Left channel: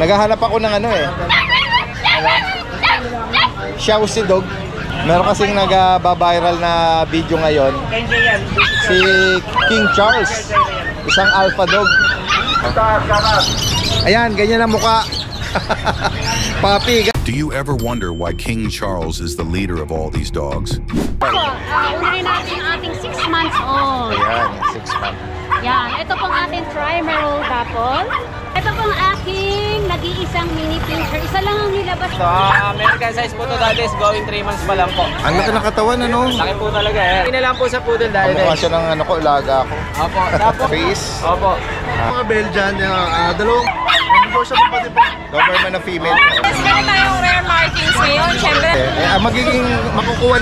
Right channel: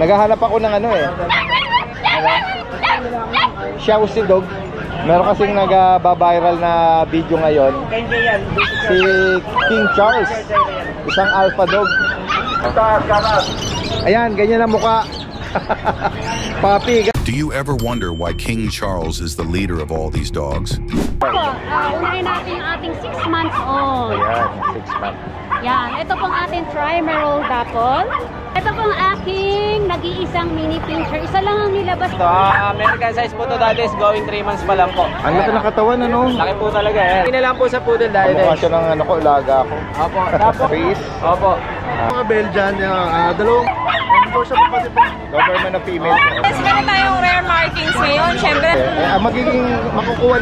Naghahanap ako ng ano eh. Xiaoxi dog. Meron kasing nag-viral na video ngayon. Si King Charles. Isang alpha dog. Ayan, ganyan ang mukha. Papi. Do you ever wonder why King Charles is the leader of all these dogs? Unahin natin yung ating 6 months old. Ayan, 6 months. Yan, ito pong ating Trimeral Dapple. Ito pong aking nag-iisang mini pincher. Isa lang ang nilabas. So, American size po to dati is going 3 months pa lang po. Ang laki ng katawan, ano? Laki po talaga eh. Hindi na lang po sa poodle dahil Mukha siya ng ano ko, ilaga ako. Opo, tapos. Face. Opo. Mga Belgian, dalawang negotiable pati po. Doberman na female. Meron tayong rare markings ngayon, syempre. Magiging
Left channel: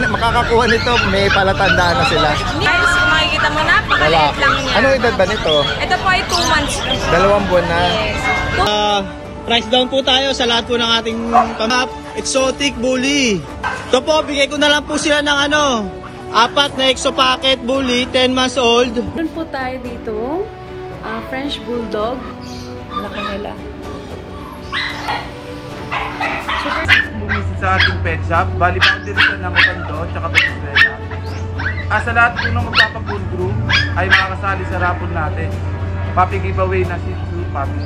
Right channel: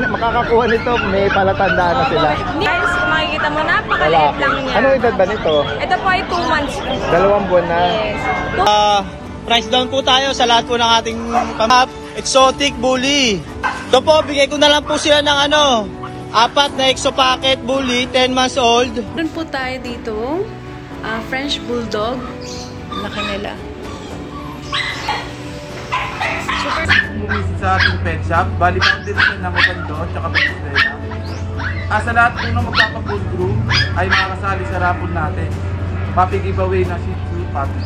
makakakuha nito, may palatandaan na sila. Guys, kung makikita mo, napakaliit lang niya. Ano edad ba nito? Ito po ay 2 months. 2 buwan na. Yes. Price down po tayo sa lahat po ng ating exotic bully. Ito po, bigay ko na lang po sila ng 4 na exo packet bully, 10 months old. Doon po tayo dito, French Bulldog. Laki nila. Super. Bumisit sa ating pet shop, bali pa din siya ng Magando, tsaka Venezuela. Sa lahat po ng magpapag-bull groom ay makakasali sa raffle natin. Puppy giveaway na Shih Tzu puppy.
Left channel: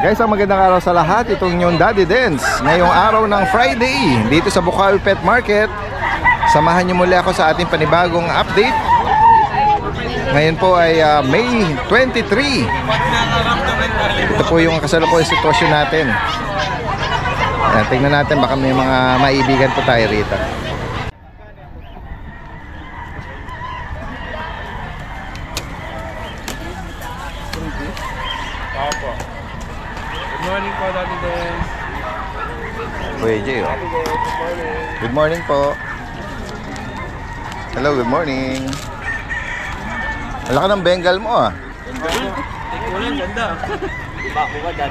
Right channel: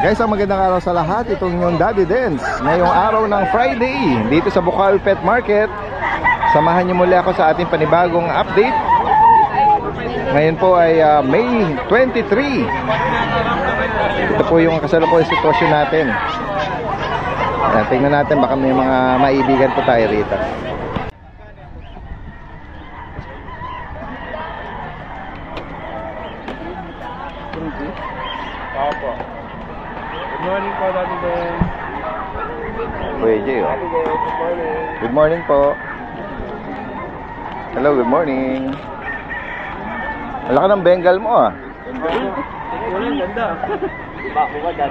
Guys, ang magandang araw sa lahat. Itong yung Daddy Dance. Ngayong araw ng Friday, dito sa Bukawi Pet Market. Samahan niyo muli ako sa ating panibagong update. Ngayon po ay May 23. Ito po yung kasalukuyang sitwasyon natin. Tingnan natin, baka may mga maibigan po tayo rito. Opo. Good morning po, Daddy Dance. Kuya Jay, oh. Good morning po. Hello, good morning. Wala ka ng Bengal mo, ah. Kulang, ganda. Bako ka dyan.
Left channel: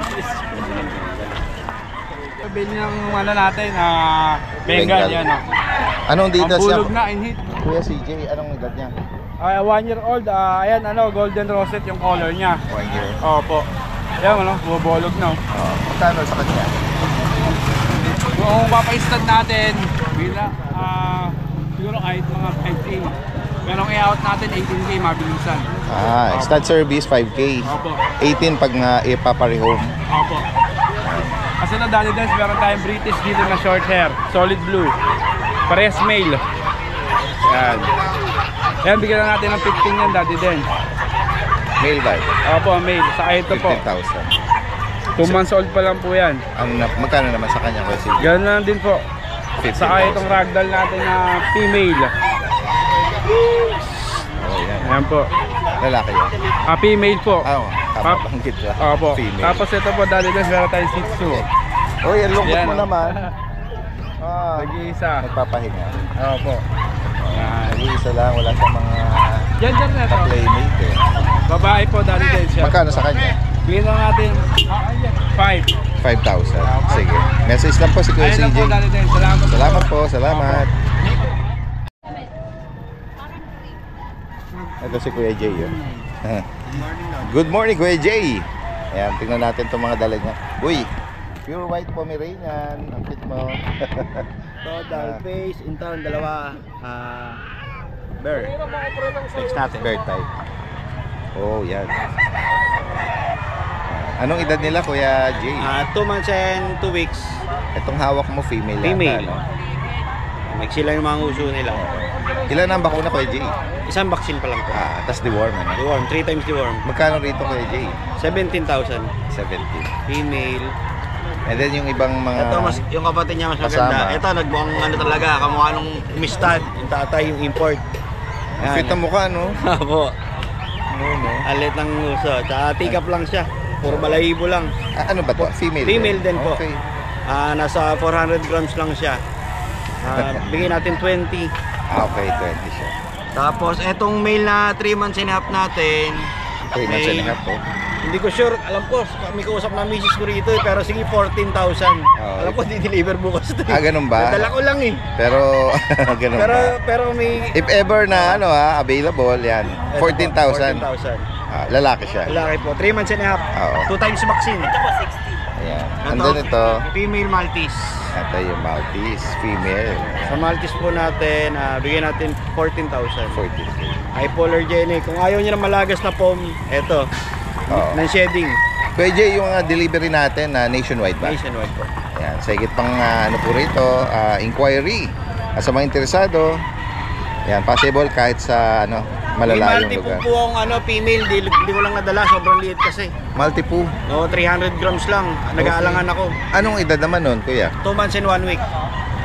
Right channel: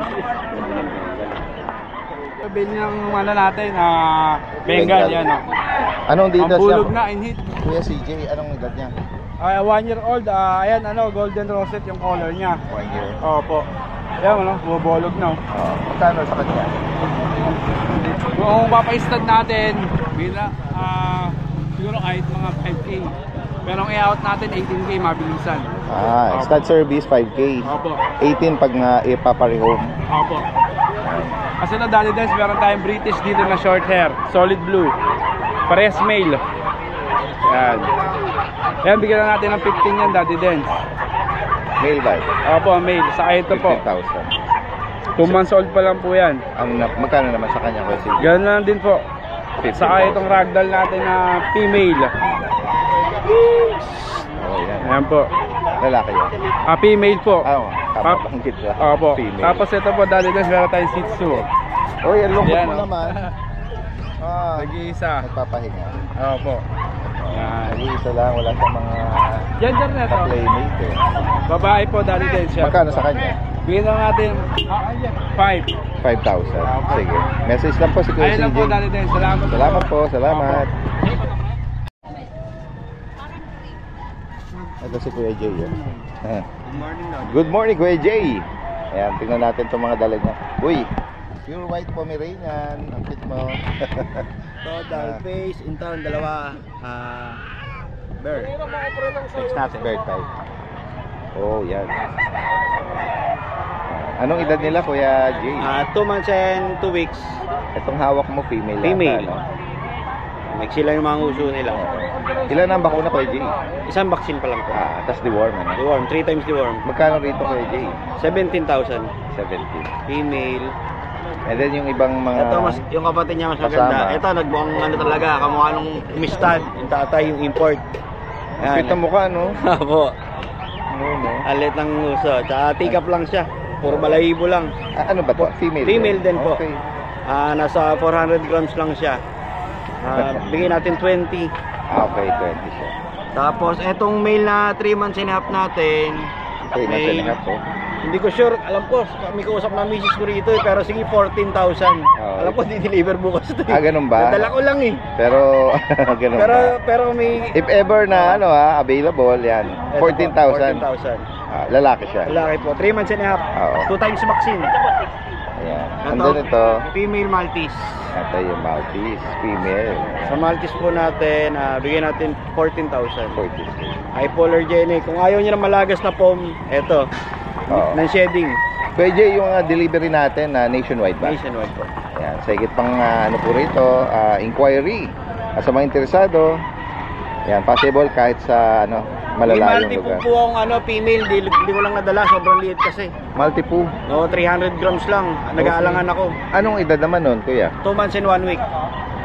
Sabihin ng natin, Bengal yan. Anong dito Ang siya? bulog na, in-hit. Kuya CJ, anong edad niya? 1 year old, ayan, golden rosette yung color niya. 1 year. Opo. Ayan, bubolog na. Magkano sa kanya? Kung papaistad natin, siguro kahit mga 5K. Pero ang i-out natin, 18K, mabilisan. Stud service, 5K. Opo. 18 pag ipaparehome. Opo. Kasi na Daddy Dance, meron tayong British dito na short hair, solid blue. Parehas male. Yan. Yan, bigyan na natin ng 15 yan, Daddy Dance. Male ba? Opo, male. Saka ito po. 15,000. 2 months old pa lang po yan. Magkano naman sa kanya, Kuya CJ? Ganun lang din po. Saka itong ragdoll natin na female. Yan. Ayan po. Lalaki yan. Female po. Kapapanggit ka. Opo. Female. Tapos ito po, Daddy Dance, meron tayong Shih Tzu. Ang lungkot Yan, mo naman. Nag-iisa. Nagpapahinga. Opo. Yan. Nag-iisa lang, wala sa mga Yan na ito. playmate eh. Babae po, Daddy Dance siya. Magkano sa kanya? Bigyan na natin 5. 5,000. Sige. Message lang po si Kuya Ayun lang CJ. po, Daddy Dance. Salamat po. Salamat po, salamat. Ito si Kuya Jay. Good morning, Kuya Jay. Ayan, tingnan natin itong mga dala niya. Uy, pure white Pomeranian. Ang cute mo. Total face, in town, 2 bear. Next natin. Bear type. Oh, yan. Anong edad nila, Kuya Jay? 2 months and 2 weeks. Itong hawak mo, female. Female. Yata, no? Maiksi lang yung mga uso nila. Ilan ang bakuna, Kuya Jay? Isang vaccine pa lang po. Tapos deworm. Ano? Deworm, 3 times deworm. Magkano rito, Kuya Jay? 17,000. 70. Female. And then yung ibang mga... Ito, yung kapatid niya mas kasama. maganda. Ito, nagbuang talaga. Kamukha nung mistad. Yung tatay, yung import. Ang fit ang mukha, no? Apo. No. Alit ng uso. Tsaka tikap lang siya. Puro balahibo lang. Ano ba to? Female? Female din po. Okay. Nasa 400 grams lang siya. Bigyan natin 20. Okay, 20 siya. Tapos etong male na 3 months and a half natin. 3 months and a half po. Hindi ko sure. Alam ko, may kausap na misis ko rito eh, pero sige 14,000. Alam ko, di-deliver bukas ito. Ganun ba? Nadala ko lang eh. Pero, ganun ba? Pero may... If ever na available, yan. 14,000. 14,000. Lalaki siya. Lalaki po. 3 months and a half. 2 times vaccine. Ayan. Andun ito. Female Maltese. Ito yung Maltese. Female. Sa Maltese po natin, bigyan natin 14,000. 14. Hypoallergenic. Kung ayaw niyo na malagas na foam, eto. Ng shedding. Kuya Jay, yung delivery natin nationwide ba? Nationwide po. Ayan. Sa higit pang po rito, inquiry. Sa mga interesado, yan, possible kahit sa malalayong May lugar. po akong female, di ko lang nadala, sobrang liit kasi. Multi-po? Oo, 300 grams lang. Nag-aalangan ako. Anong edad naman nun, kuya? 2 months and 1 week.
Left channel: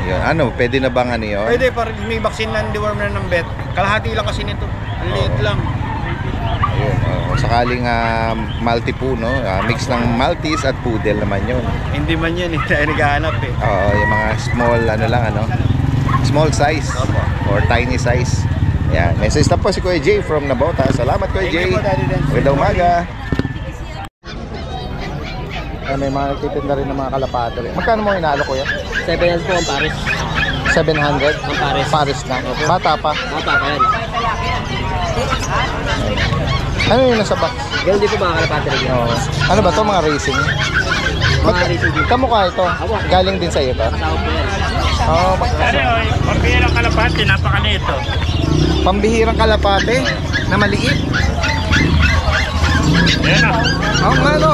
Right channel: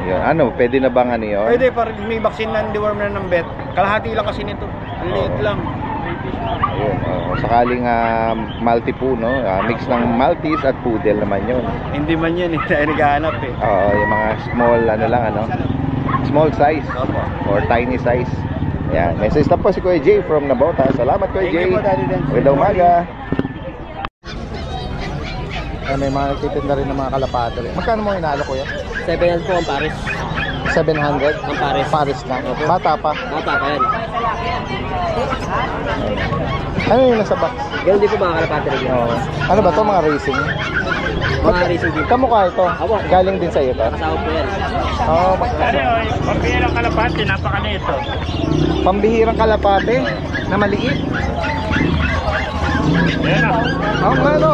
Ayun. Pwede na bang yun? Pwede, may vaccine na deworm na ng vet. Kalahati lang kasi nito. Ang liit lang. Ayun. Sakaling multi-po, no? Mix ng Maltese at Poodle naman yun. Hindi man yun, hindi tayo naghahanap eh. Oo, yung mga small, small size. Opo. Or tiny size. Yan. Message na po si Kuya Jay from Nabota. Salamat Kuya Jay. Thank you po, Daddy Dan. Magandang umaga. May mga nagtitinda rin ng mga kalapate. Magkano mo inaalok kuya? 700 po ang pares. 700? Ang pares. Pares na. Bata pa. Bata pa yan. Ano yung nasa box? Ganun din po mga kalapate rin. Ano ba to mga racing? Mga racing din. Kamukha ito? Galing din sa iyo to? Kasama po yan. Pambihirang kalapate, napakanito. Pambihirang kalapate na maliit? Ayan na. Ano?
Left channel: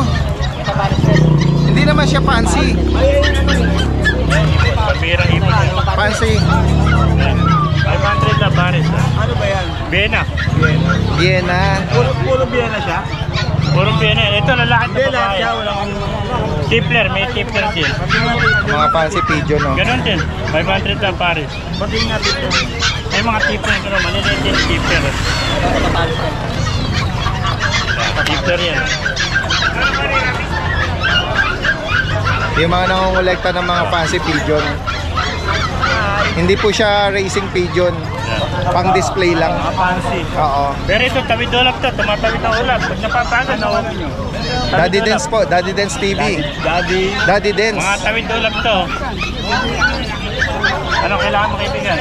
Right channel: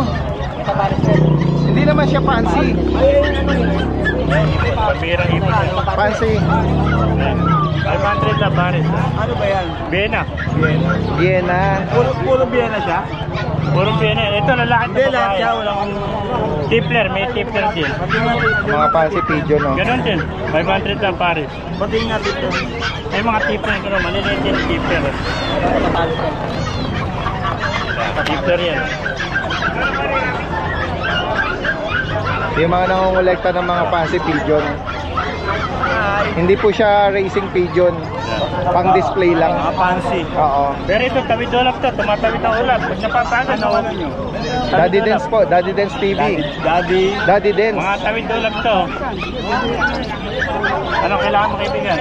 Hindi naman siya fancy. Pambihirang ipon. Fancy. 500 na pares. Ano ba yan? Vienna. Vienna. Puro Vienna siya? Puro Vienna. Ito lalaki na Hindi, lahat babae. siya. Walang... Tipler, may tipler din. Mga fancy pigeon, no? Ganun din. 500 na pares. Pati nga dito. May mga tipler ito naman. Maliliit din tipler. Tipler yan. Yung mga nangongolekta ng mga fancy pigeon. Hindi po siya racing pigeon. Pang display lang. Fancy. Oo. Pero ito, tawid ulap to. Tumatawid ang ulap. Pag napapagod, nawalan nyo. Daddy Dance po. Daddy Dance TV. Daddy Dance. Mga tawid ulap to. Ano kailangan mo kaibigan?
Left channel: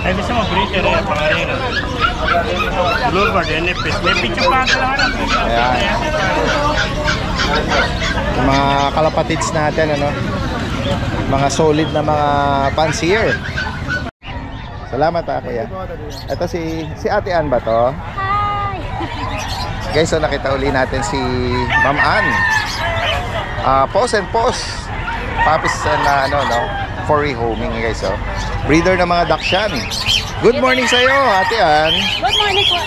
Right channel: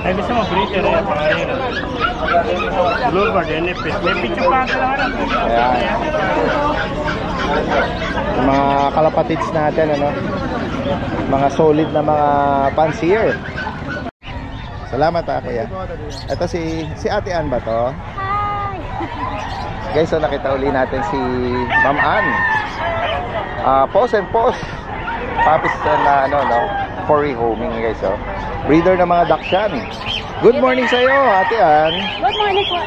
Ay, gusto mo, breeder eh, pangarera. Bluebird, NFS. May picture pa ito lang. Ayan. Yung mga kalapatids natin, mga solid na mga fancier. Salamat kuya. Ito si Ate Ann ba to? Hi! Guys, so nakita uli natin si Ma'am Ann. Pose and pose. Puppies and for rehoming guys. Breeder ng mga Dachshund. Good morning sa iyo, Ate Ann. Good morning po,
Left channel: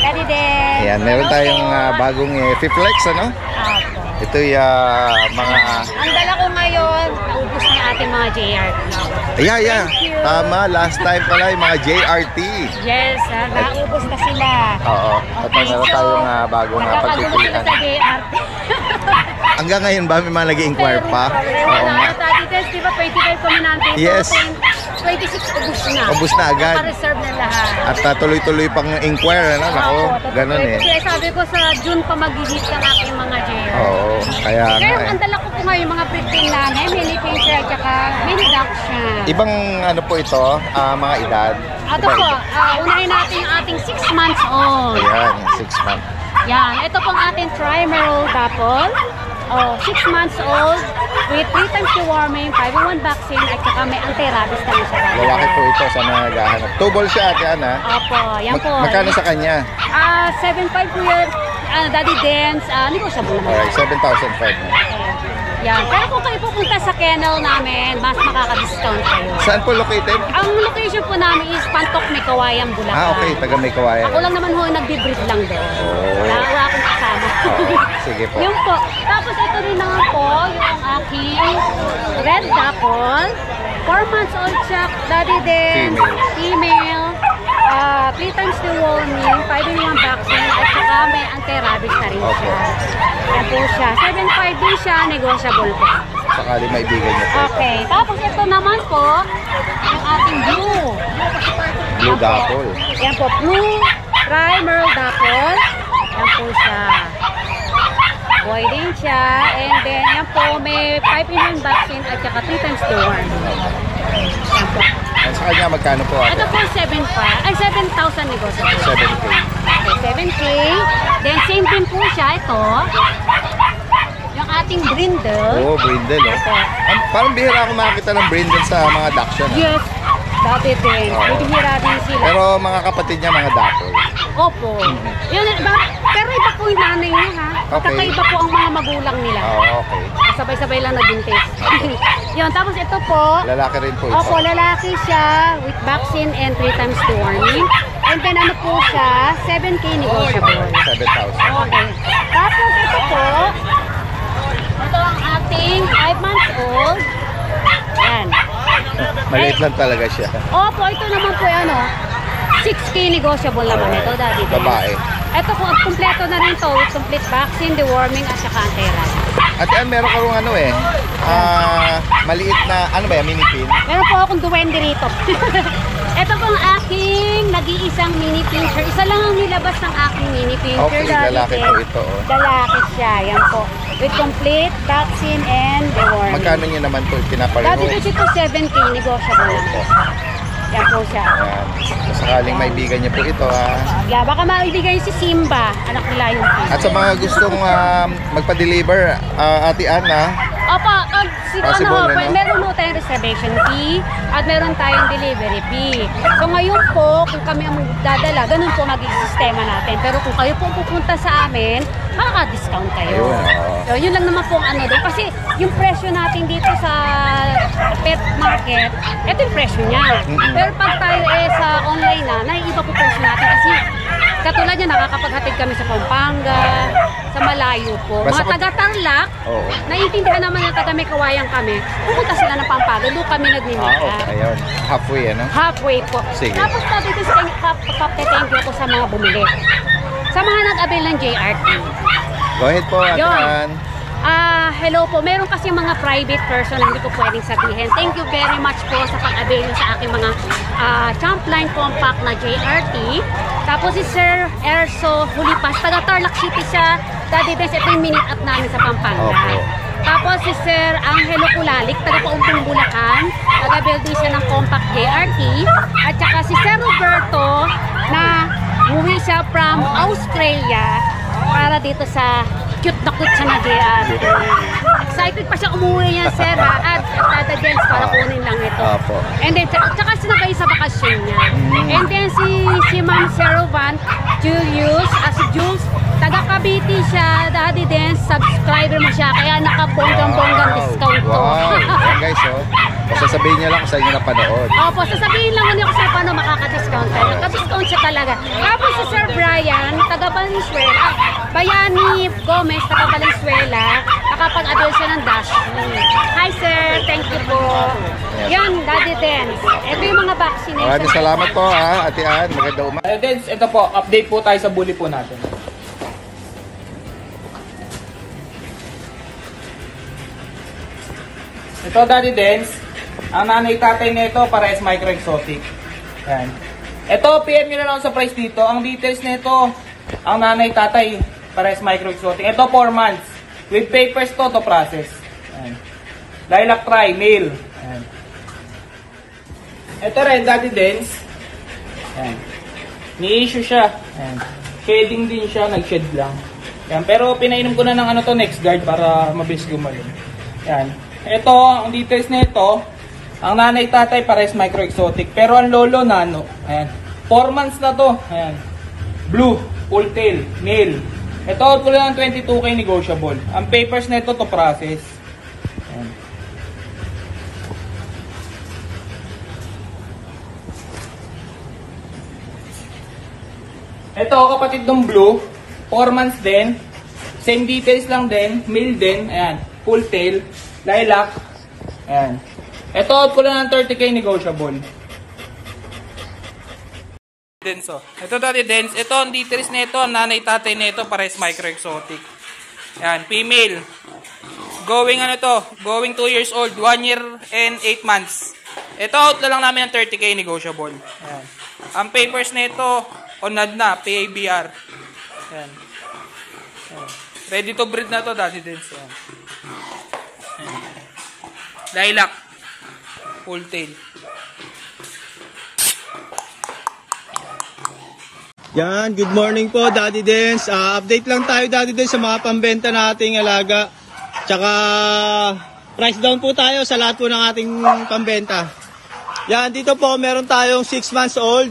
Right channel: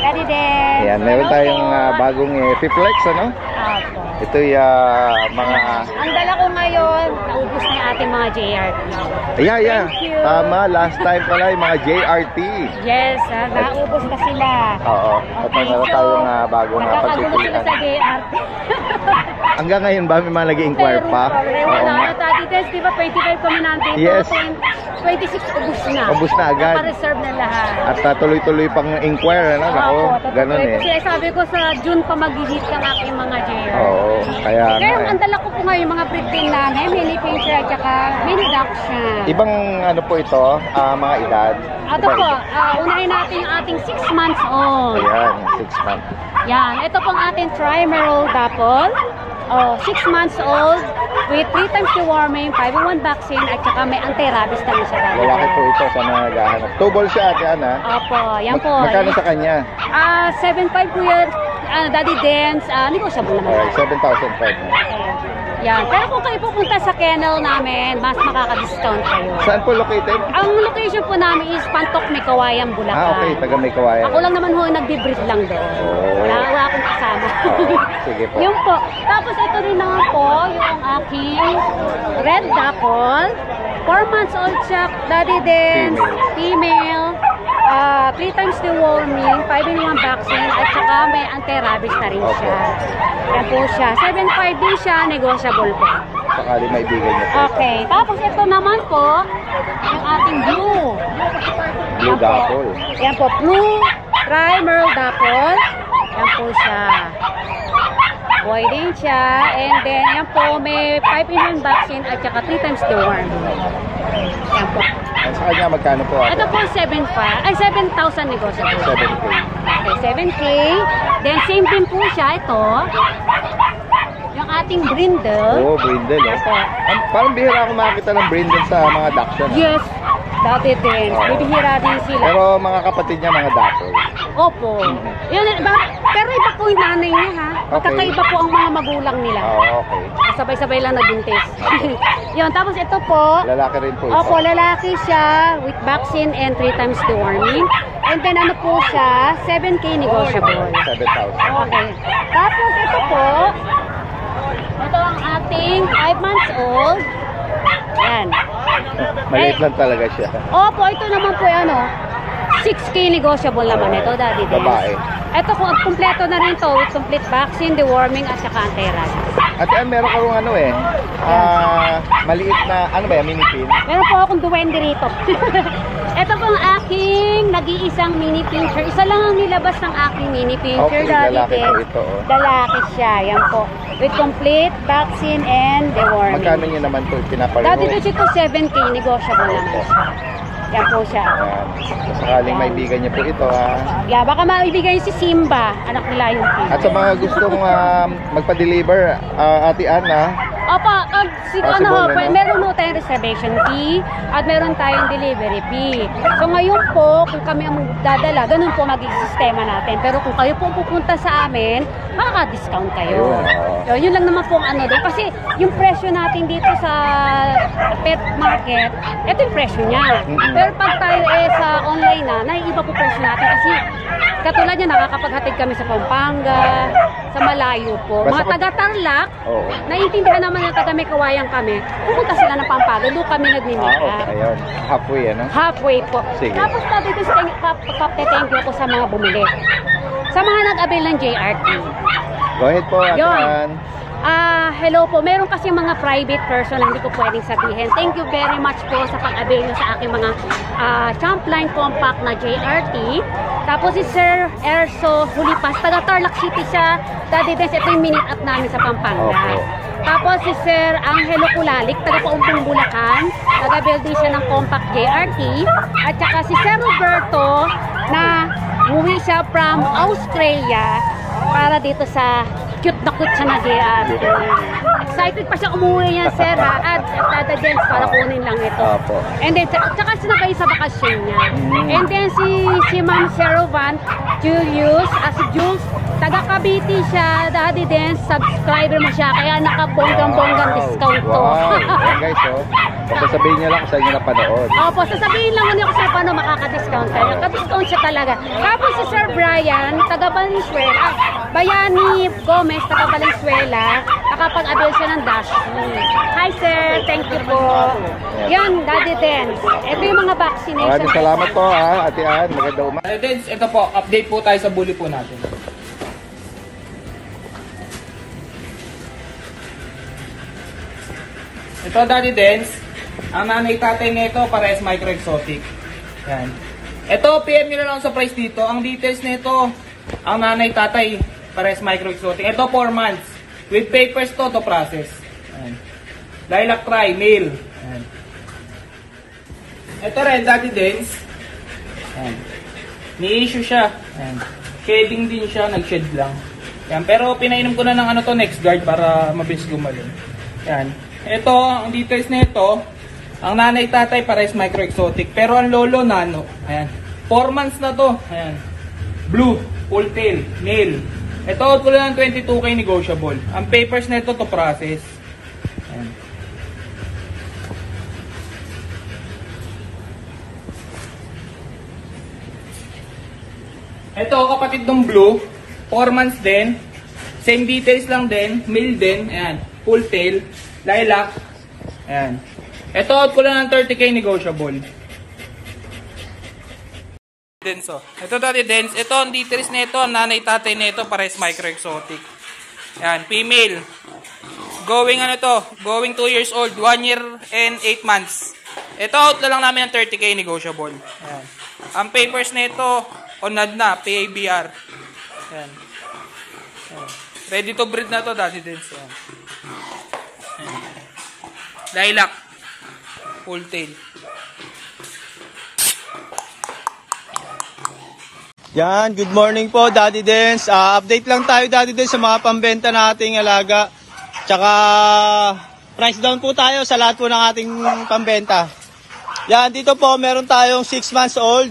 Daddy Dan. Ayan, meron tayong bagong Fiflex, Apo. Ito yung mga... Ang dala ko ngayon, naubos na yung ating mga JRT. Yeah. Thank you. Tama, last time pala yung mga JRT. Yes, naubos na sila. Oo. At meron tayong bagong nagkakagulo sila sa JRT. Hanggang ngayon ba may mga nag-i-inquire pa? Daddy Dan, di ba 25 kami nandito? Yes. 26 ubos na. Ubos na agad. Naka-reserve na lahat. At tuloy-tuloy pang inquire, Ako, ganun eh. Kasi sabi ko sa June pa mag-hit ang aking mga JRT. Oo, kaya Pero nga ang dala ko po ngayon mga breed din namin, mini pincher at saka mini dachshund. Ibang po ito, mga edad? Ito po, unahin natin yung ating 6 months old. Ayan, 6 months. Yan, ito pong ating trimeral dapple. 6 months old with 3 times deworming, 5-in-1 vaccine at saka may anti-rabies na rin siya. Lalaki po ito sa mga naghahanap. Tubol siya, Ate Ann, Opo, yan po. Magkano sa kanya? 7.5 po yun. Daddy Dance, negotiable naman. 7,500. Yan. Pero kung kayo pupunta sa kennel namin, mas makaka-discount kayo. Saan po located? Ang location po namin is Pantok, May Kawayan, Bulacan. Okay, taga May Kawayan. Ako lang naman ho nagbe-breed lang doon. Wala akong kasama. Sige po. Yun po. Tapos ito rin naman po, yung aking red dapple. 4 months old siya, Daddy Den, female. 3 times deworming, 5-in-1 vaccine, at saka may anti-rabies na rin siya. Yan po siya. 7.5 din siya, negotiable po. Sakali maibigay niyo po. Okay. Tapos ito naman po, yung ating blue. Blue dapple. Yan po, blue primer dapple. Yan po siya. boy din siya. And then, yan po, may 5-in-1 vaccine at saka 3 times the worm. Yan po. Sa kanya, magkano po? Ito po, 7,000 negotiable. 7K. Okay, 7K. Then, same din po siya. Ito, yung ating brindle. Oo, brindle. Parang bihira ako makakita ng brindle sa mga Dachshund. Yes, dati din. Bibihira din sila. Pero mga kapatid niya, mga Dapol. Opo. Yun, pero iba po yung nanay niya, ha? Magkakaiba po ang mga magulang nila. Okay. Sabay-sabay lang nabuntis. Yun, tapos ito po. Lalaki rin po ito. Opo, lalaki siya with vaccine and 3 times deworming. And then ano po siya, 7K negotiable. 7,000. Okay. Tapos ito po, ito ang ating 5 months old. Yan. Maliit lang talaga siya. Opo, ito naman po ano, 6K negotiable naman ito, Daddy. Babae. Ito po, kompleto na rin to with complete vaccine, deworming at saka anti-rat. At meron ka rin ano maliit na, ano ba yan, mini pin? Meron po akong duwende rito. Ito po ang aking nag-iisang mini pincher. Isa lang ang nilabas ng aking mini pincher. Okay, lalaki po ito. Lalaki siya, yan po. With complete vaccine and deworming. Magkano niya naman ito pinapareho? Dati ito 7K, negotiable naman. Yan po siya. Sakaling maibigan niya po ito, Yeah, baka maibigay si Simba, anak nila yung At sa mga gustong magpa-deliver, Ate Ana, opo, possible, meron po tayong reservation fee at meron tayong delivery fee. So ngayon po, kung kami ang magdadala, ganun po magiging sistema natin. Pero kung kayo po pupunta sa amin, makaka-discount kayo. So yun lang naman po ang ano doon. Kasi yung presyo natin dito sa pet market, ito yung presyo niya. Pero pag tayo sa online na, naiiba po presyo natin kasi katulad niya, nakakapaghatid kami sa Pampanga, sa malayo po. Mga taga-Tarlac, naiintindihan naman yung taga-May Kawayan kami, pupunta sila ng Pampanga, doon kami nag-meet up. Ayun, halfway, ano? Halfway po. Sige. Tapos po, dito thank you po sa mga bumili. Sa mga nag-avail ng JRT. Go ahead po, Ate Ann. Hello po. Meron kasi mga private person na hindi ko pwedeng sabihin. Thank you very much po sa pag-avail nyo sa aking mga Champline Compact na JRT. Tapos si Sir Erso Hulipas, taga Tarlac City siya. Daddy Dance, ito yung minute up namin sa Pampanga. Tapos si Sir Angelo Kulalik, taga Paumpong Bulacan. Taga-build din siya ng Compact JRT. At saka si Sir Roberto na umuwi siya from Australia para dito sa cute na cute siya na JRT. Excited pa siya umuwi niya, sir, ha? At Tata Jens para kunin lang ito. And then, tsaka sinabay sa bakasyon niya. And then, si Ma'am Serovan, Julius, si Jules, taga Cavite siya, Daddy Dance, subscriber mo siya, kaya nakabonggang-bonggang discount to. Wow, guys, sasabihin niya lang kung saan niya napanood. Opo, sasabihin lang niya kung saan paano makaka-discount tayo. Naka-discount siya talaga. Tapos si Sir Brian, taga Valenzuela, Bayani Gomez, taga Valenzuela, nakapag-avail siya ng Dash. Hi sir, thank you po. Yan, Daddy Dance. Ito yung mga vaccination. Maraming salamat po, Ate Ann. Magandang umaga. Ito po, update po tayo sa bully po natin. Ito, Daddy Dance, ang nanay-tatay nito para is micro-exotic. Yan. Ito, PM nyo na lang sa price dito. Ang details nito, ang nanay-tatay para is micro-exotic. Ito, 4 months. With papers to process. Yan. Lilac Tri, male. Yan. Ito rin, Daddy Dance. Yan. Ni-issue siya. Yan. Shedding din siya, nag-shed lang. Yan. Pero pinainom ko na ng next guard para mabilis gumaling. Yan. Ito, ang details nito, ang nanay-tatay pares micro-exotic. Pero ang lolo, nano. Ayan. 4 months na to. Ayan. Blue, full tail, male. Ito, out ko lang ng 22K negotiable. Ang papers nito to process. Ayan. Ito, kapatid ng blue, 4 months din. Same details lang din, male din. Ayan, full tail. Lilac. Ayan. Ito, out ko lang ng 30K negotiable. Denso. Ito, Daddy Dance. Ito, ang details nito, ang nanay-tatay nito, pares micro-exotic. Ayan, female. Going, going 2 years old, 1 year and 8 months. Ito, out na lang namin ng 30K negotiable. Ayan. Ang papers nito, onad na, PABR. Ayan. Ayan. Ready to breed na to, Daddy Dens. Lilac. Full tail. Yan, good morning po Daddy Dens. Update lang tayo Daddy Dens sa mga pambenta nating alaga. Tsaka price down po tayo sa lahat po ng ating pambenta. Yan, dito po meron tayong 6 months old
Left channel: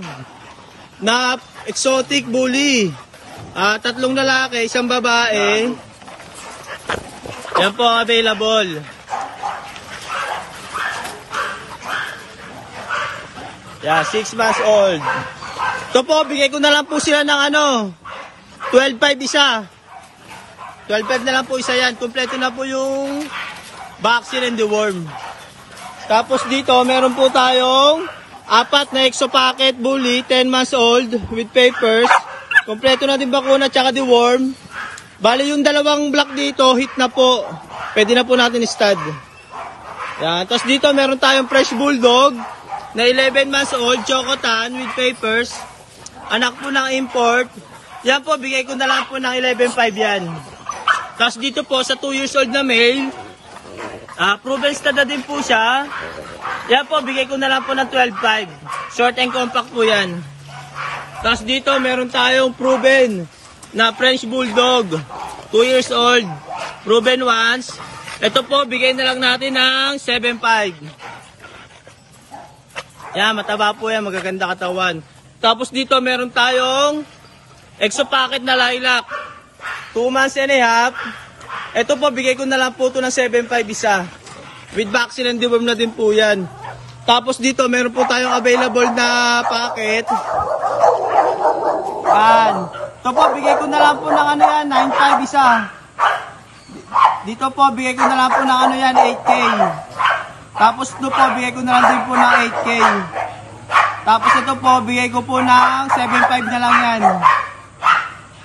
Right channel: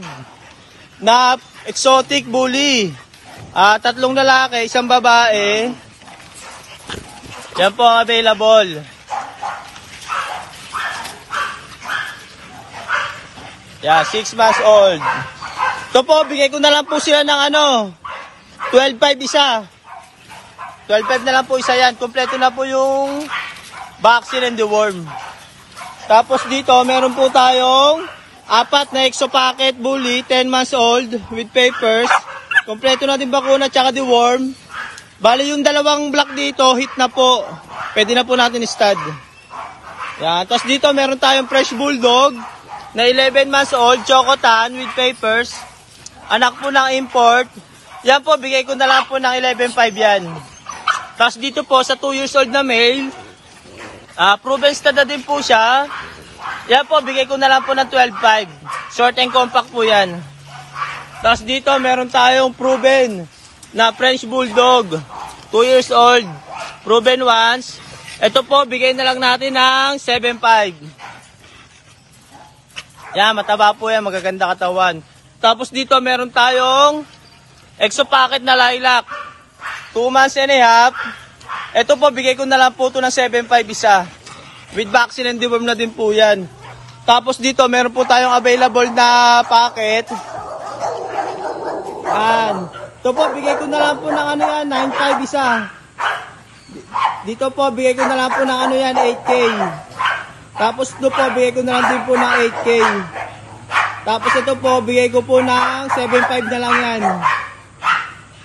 na exotic bully. 3 lalaki, 1 babae. Yan po available. Yan, 6 months old. Ito po, bigay ko na lang po sila ng 12.5 isa. 12.5 na lang po isa yan. Kompleto na po yung vaccine and deworm. Tapos dito, meron po tayong 4 na exo packet bully, 10 months old with papers. Kompleto na din bakuna tsaka deworm. Bali yung 2 black dito, hit na po. Pwede na po natin i-stud. Yan. Tapos dito, meron tayong fresh bulldog na 11 months old, chocotan with papers. Anak po ng import. Yan po, bigay ko na lang po ng 11.5 yan. Tapos dito po, sa 2 years old na male, proven stud na din po siya. Yan po, bigay ko na lang po ng 12.5. Short and compact po yan. Tapos dito, meron tayong proven na French Bulldog. 2 years old. Proven once. Ito po, bigay na lang natin ng 7.5. Yan, mataba po yan. Magaganda katawan. Tapos dito meron tayong exo packet na lilac. 2 months and a half. Ito po, bigay ko na lang po ito ng 7.5 isa. With vaccine and deworm na din po yan. Tapos dito meron po tayong available na packet. Yan. Ito po, bigay ko na lang po ng 9.5 isa. Dito po, bigay ko na lang po ng 8K. Tapos ito po, bigay ko na lang din po ng 8K. Tapos ito po, bigay ko po ng 7.5 na lang yan.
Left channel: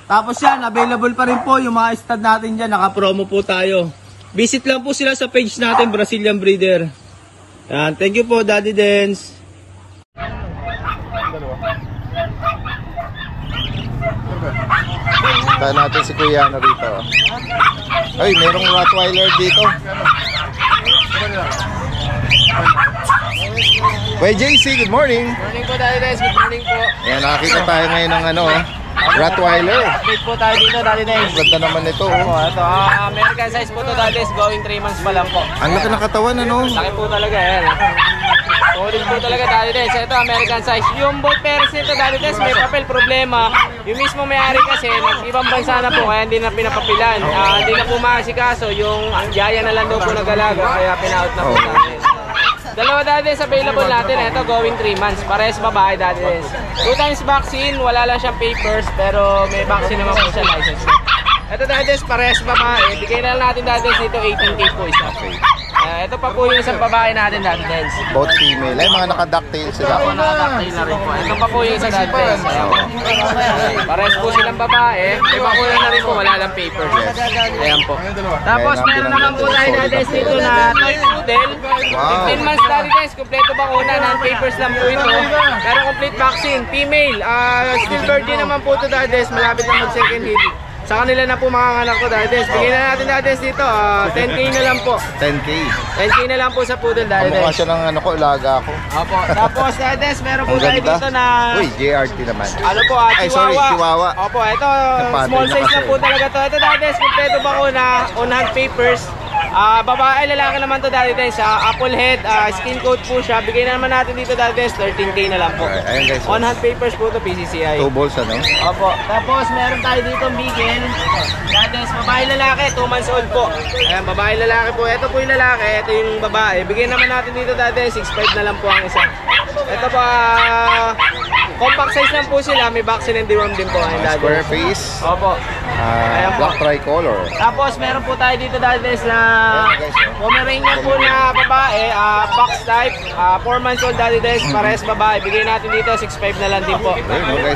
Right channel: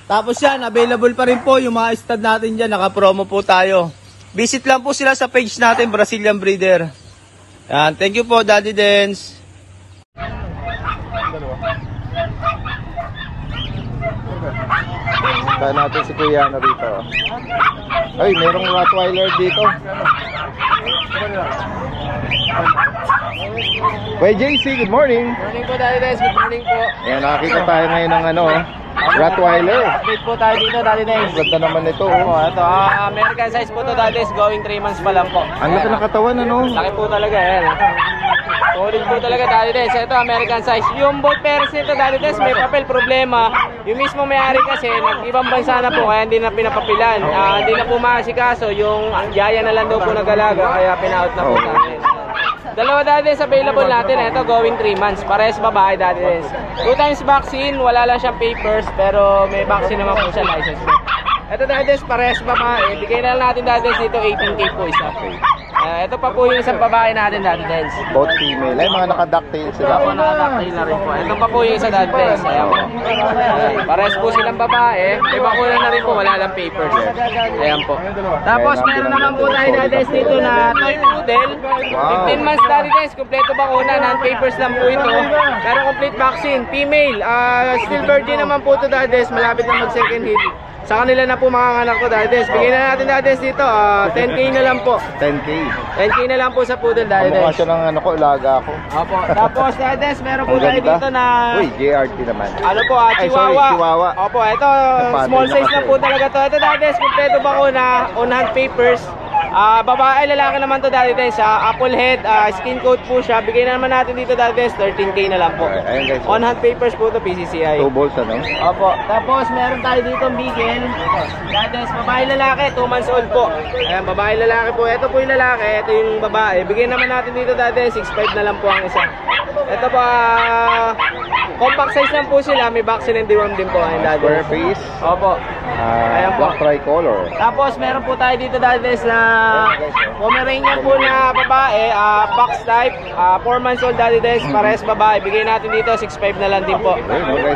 Tapos yan, available pa rin po yung mga stud natin dyan. Naka-promo po tayo. Visit lang po sila sa page natin, Brazilian Breeder. Yan, thank you po Daddy Dens. Tayo natin si Kuya na rito. Ay, merong Rottweiler dito. Kuya JC, good morning. Morning po Daddy Dens, good morning po. Ayan, nakakita tayo ngayon ng Rottweiler. Update po tayo dito Daddy Dens. Ganda naman ito. Ito, American size po to Daddy Dens, going 3 months pa lang po. Ang laki ng katawan, Laki po talaga, yan. Solid po talaga Daddy Dens. Ito, American size. Yung both parents nito Daddy Dens, may papel problema. Yung mismo may-ari kasi, nag-ibang bansa na po, kaya hindi na pinapapilan. Hindi na po maasikaso, yung yaya na lang daw po nag-alaga, kaya pina-out na po natin. Dalawa Daddy Dens available natin. Ito going 3 months. Parehas babae Daddy Dens. 2 times vaccine. Wala lang siyang papers. Pero may vaccine naman po siya license. Ito Daddy Dens parehas babae. Bigay na lang natin Daddy Dens dito 18K po isa. Ito pa po yung isang babae natin Daddy Dens. Both female. Ay mga naka-ducktail sila. Ako naka-ducktail na rin po. Ito pa po yung isang Daddy Dens. Ayan po. Parehas po silang babae. May bakuna na rin po. Wala lang papers. Ayan po. Tapos meron naman po tayo Daddy Dens dito na toy poodle. 15 months Daddy Dens. Kompleto bakuna. Non-papers lang po ito. Pero complete vaccine. Female. Still virgin naman po ito Daddy Dens. Malapit na mag-second hit. Sa kanila na po mga anak ko Daddy Dens. Bigyan na natin Daddy Dens dito. 10K na lang po. 10K. 10K na lang po sa poodle Daddy Dens. Kamukha siya ng ilaga ako. Opo. Tapos Daddy Dens, meron po tayo dito na... Uy, JRT naman. Ano po, Ay, sorry, Chihuahua. Opo, ito, small size na po talaga to. Ito Daddy Dens, kompleto bakuna, on-hand papers. Babae, lalaki naman to Daddy Dens. Apple head, skin coat po siya. Bigay na naman natin dito Daddy Dens, 13K na lang po. Ayun guys. On-hand papers po to PCCI. 2 balls Opo. Tapos meron tayo dito bigel. Daddy Dens, babae lalaki, 2 months old po. Ayan, babae lalaki po. Ito po yung lalaki, ito yung babae. Bigay naman natin dito Daddy Dens, 6.5 na lang po ang isa. Ito pa, compact size lang po sila. May vaccine and deworm din po. Square face. Opo. Ayan po. Black tricolor. Tapos meron po tayo dito Daddy Dens na Pomeranian po na babae, box type, 4 months old Daddy Dens, parehas babae. Bigay natin dito 6.5 na lang din po.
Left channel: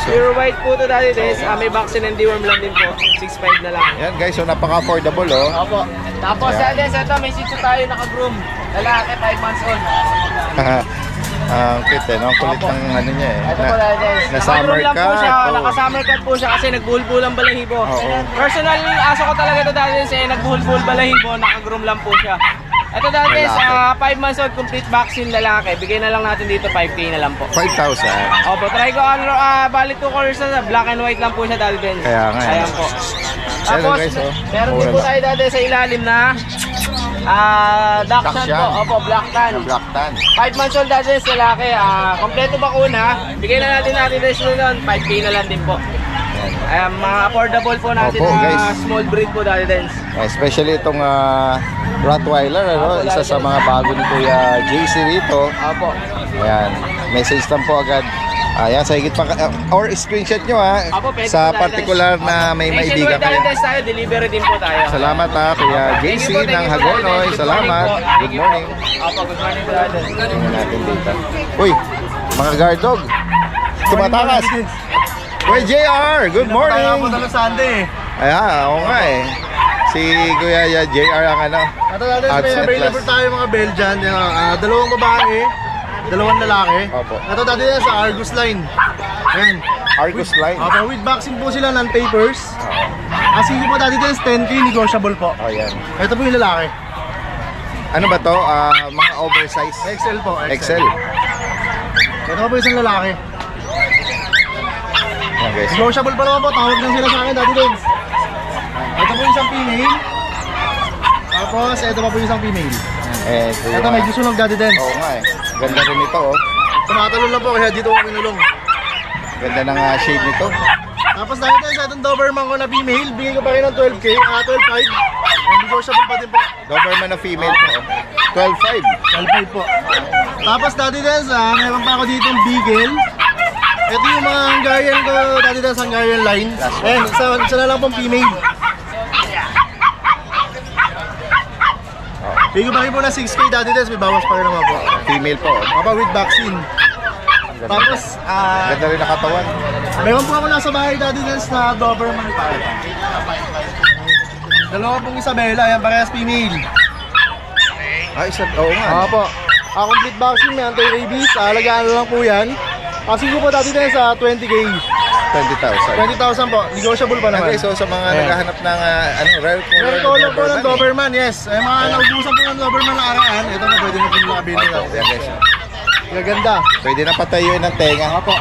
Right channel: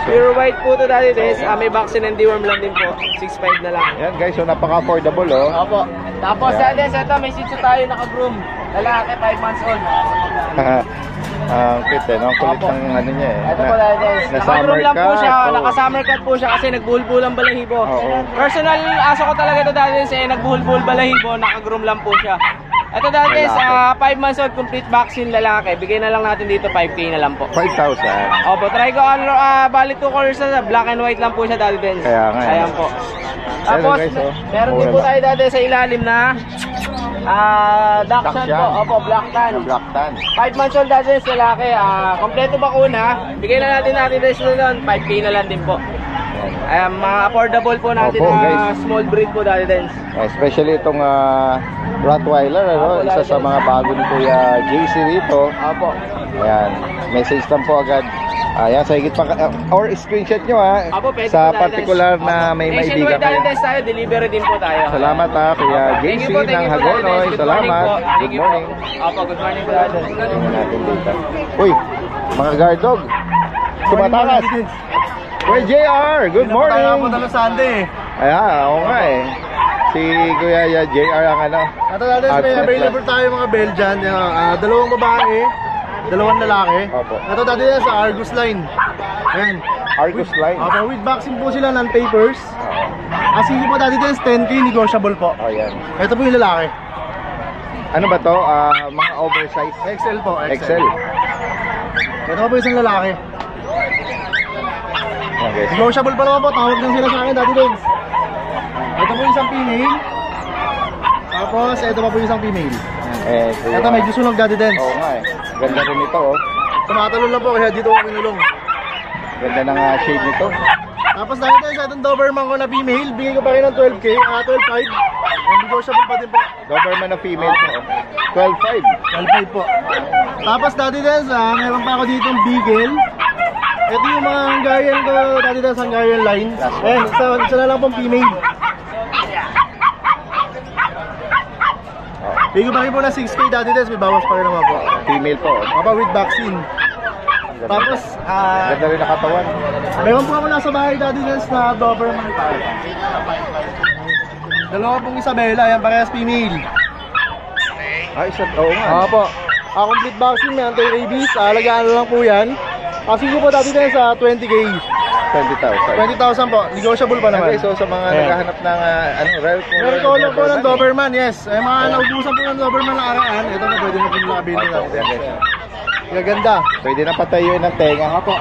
Pure white po to Daddy Dens, may vaccine and deworm lang din po. 6.5 na lang. Yan guys, so napaka-affordable Opo. Tapos Daddy Dens, ito may sitio tayo naka-groom. Lalaki, 5 months old. Ang cute, no? Ang kulit ng ano niya eh. Ito po Dadides. Na summer Naka-groom lang po cut, siya. oh. Naka-summer cut po siya kasi nagbuhol-buhol ang balahibo. Oo. Personal aso ko talaga ito Dadides eh. Nagbuhol-buhol balahibo. Naka-groom lang po siya. Ito Dadides, 5 months old, complete vaccine lalaki. Bigay na lang natin dito 5K na lang po. 5,000. Opo, try ko bali 2 colors na black and white lang po siya Dadides. Kaya nga. Ayan po. Tapos, guys, oh. meron din po tayo Dadides sa ilalim na Dachshund po. Opo, black tan. Black tan. 5 months old Dadides lalaki. Kompleto bakuna. Bigay na natin Dadides nun. 5K na lang din po. Mga affordable po natin Opo, na guys. small breed po Dadides. Especially itong Rottweiler, ano? Opo, Isa sa mga bago ni Kuya JC rito. Opo. Ayan. Message lang po agad. Ayan, sa higit pa, or screenshot nyo ha. Opo, pwede Sa po, Dadides. particular na may maibigan Nationwide kayo. Dadides tayo, delivery din po tayo. Salamat ha, Kuya Opo. JC Thank you po, ng Hagonoy. Dadides. Good morning Salamat. po. Thank Good you po. morning. Opo, good morning po Dadides. Tingnan natin dito. Uy, mga guard dog. Tumatakas. Kuya JR, good morning. Tayo po talo Sunday. Ayan, oo nga eh. Si Kuya JR ang ano. Ito natin, may Outset available plus. tayo mga Belgian. Dalawang babae, dalawang lalaki. Opo. Ito dati yan sa Argus line. Ayan. Argus line. Opo, with vaccine po sila, non-papers. Asing po dati din, 10K negotiable po. Ayan. Ito po yung lalaki. Ano ba to? Mga oversize. XL po, XL. Ito po isang lalaki. Ayan guys. Negotiable pa naman po, tawag lang sila sa akin dati din. Ito po isang female. Tapos ito pa po isang female. Ito medyo sunog dati din. Oo nga eh. Ganda rin ito oh. Tumatalon lang po kaya dito ako kinulong. Ganda ng shade nito. Tapos dahil tayo sa itong Doberman ko na female, bigay ko pa rin ng 12K, 12.5. Negotiable pa din po. Doberman na female po. 12.5. 12.5 po. Tapos dati din meron pa ako dito ng Beagle. Ito yung mga Hungarian ko, dati din sa Hungarian line. Ayan, isa na lang pong female. Bigay ko pa rin po na 6K dati din, may bawas pa rin naman po. Female po. Papa with vaccine. Tapos, Ganda rin nakatawan. meron po ako nasa bahay dati din na Doberman tayo. Dalawa pong Isabela, yan parehas female. Isa, oo nga. Opo. Complete vaccine, may anti-rabies. Alagaan na lang po yan. Kasi ko po dati din sa 20K. 20,000. 20,000 po. Negotiable pa naman. Okay, so sa mga Ayan. naghahanap ng rare Color po ng Doberman, yes. Ay mga naubusan po ng Doberman na araan. Ito na pwede na po nila kabili natin. Gaganda. Pwede na patayuin ng tenga. Opo.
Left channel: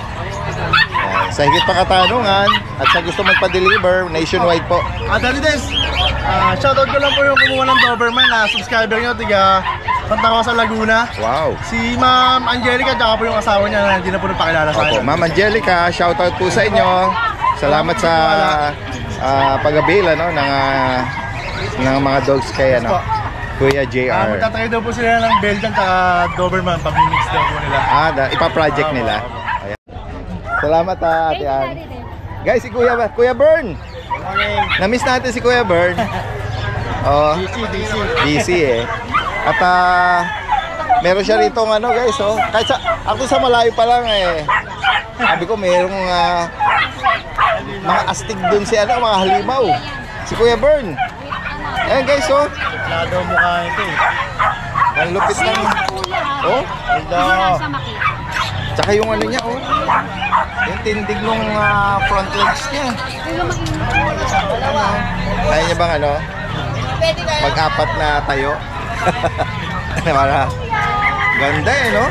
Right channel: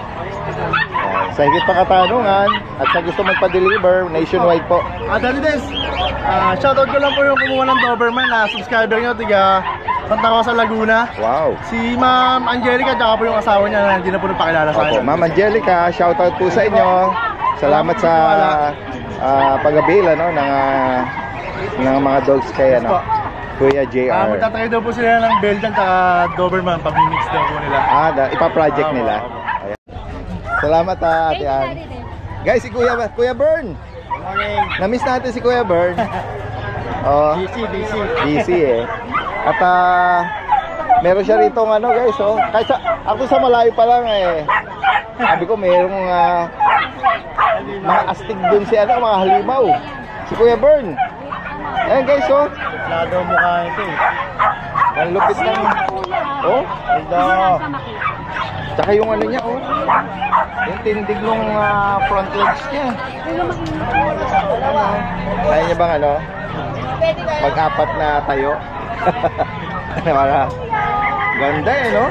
Sa higit pa katanungan at sa gusto magpa-deliver, nationwide po. Dali Des, shoutout ko lang po yung kumuha ng Doberman na subscriber nyo, tiga Santa Rosa, Laguna. Wow. Si Ma'am Angelica, tsaka po yung asawa niya na hindi na po napakilala sa Opo, akin. Ma'am Angelica, shoutout po sa inyo. Salamat sa pag-avail ano, ng mga dogs kay ano, Kuya JR. Magtatry daw po sila ng Belgian tsaka Doberman, pag-mix daw po nila. Ipa-project nila. Ayan. Salamat Ate Ann. Guys, si Kuya Bern. Morning. Na-miss natin si Kuya Bern. Oh, busy eh. At meron siya rito ano guys, oh. Kahit ako sa malayo pa lang eh. Sabi ko merong mga astig dun si ano, mga halimaw. Si Kuya Bern. Ayan guys, oh. Lado mukha ito eh. Ang lupit ng oh. Tsaka yung ano niya, oh. Yung tindig nung front legs niya. Kaya niya bang ano? Mag-apat na tayo. Para ganda eh, no?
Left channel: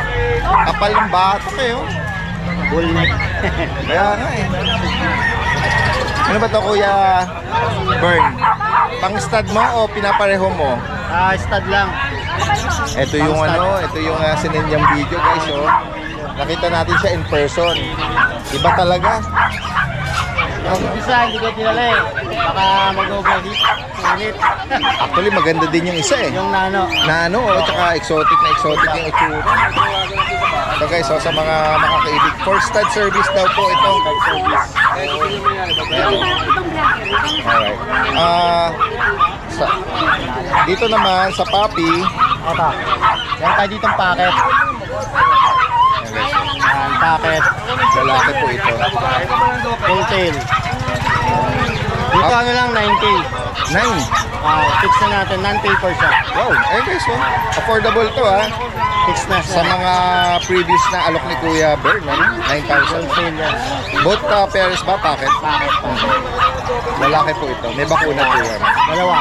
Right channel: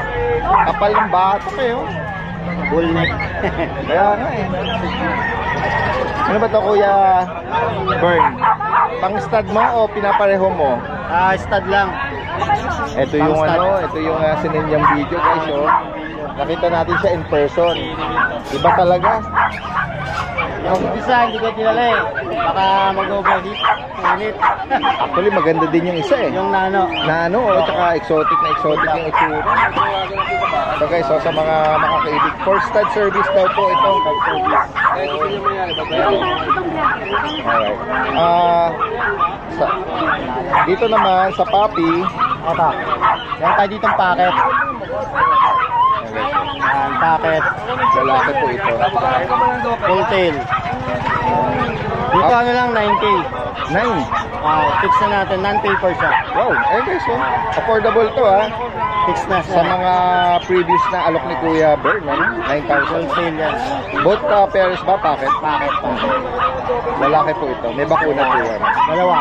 Kapal ng batok eh, oh. Bullneck. Kaya nga eh. Ano ba to Kuya Bern? Pang-stud mo o pinapareho mo? Stud lang. Ito yung ano, ito yung sininyang video guys, oh. Nakita natin siya in person. Iba talaga. Yung isa, hindi ko kilala eh. Baka mag-overheat. Init. Actually, maganda din yung isa eh. Yung nano. Nano, oh, tsaka exotic na exotic yung itsura. So guys, so, sa mga makakaibig, for stud service daw po ito. Alright. Dito naman sa puppy. Ito. Yan tayo ditong packet. Yan, packet. Lalaki po ito. Full tail. Dito ano lang, 9K. 9. Fix na natin, non-paper siya. Wow, eh guys, oh. Affordable to ha. Fix na Sa siya. mga previous na alok ni Kuya Bern, ano? 9,000. Wholesale yan. Both pairs ba, packet? Bakit pa? Lalaki po ito. May bakuna po yan. Dalawa.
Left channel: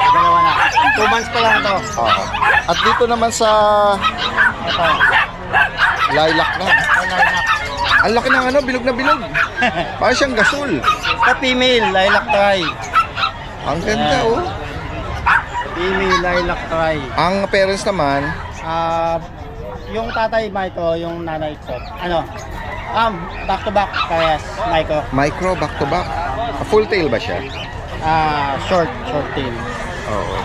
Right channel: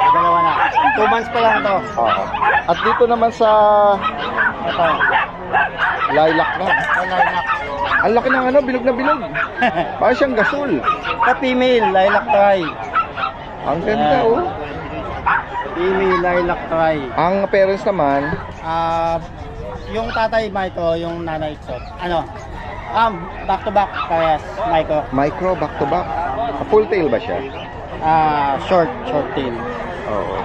Dalawa na. 2 months pa lang to. Oo. At dito naman sa Ito. lilac na. Lilac. Ang laki ng ano, bilog na bilog. Parang siyang gasol. Sa female, lilac try. Ang ganda, Ayan. oh. Female, lilac try. Ang parents naman, Yung tatay micro, yung nanay shot. Ano? Back to back, parehas, micro. micro, back to back. Full tail ba siya? Short tail. Oo.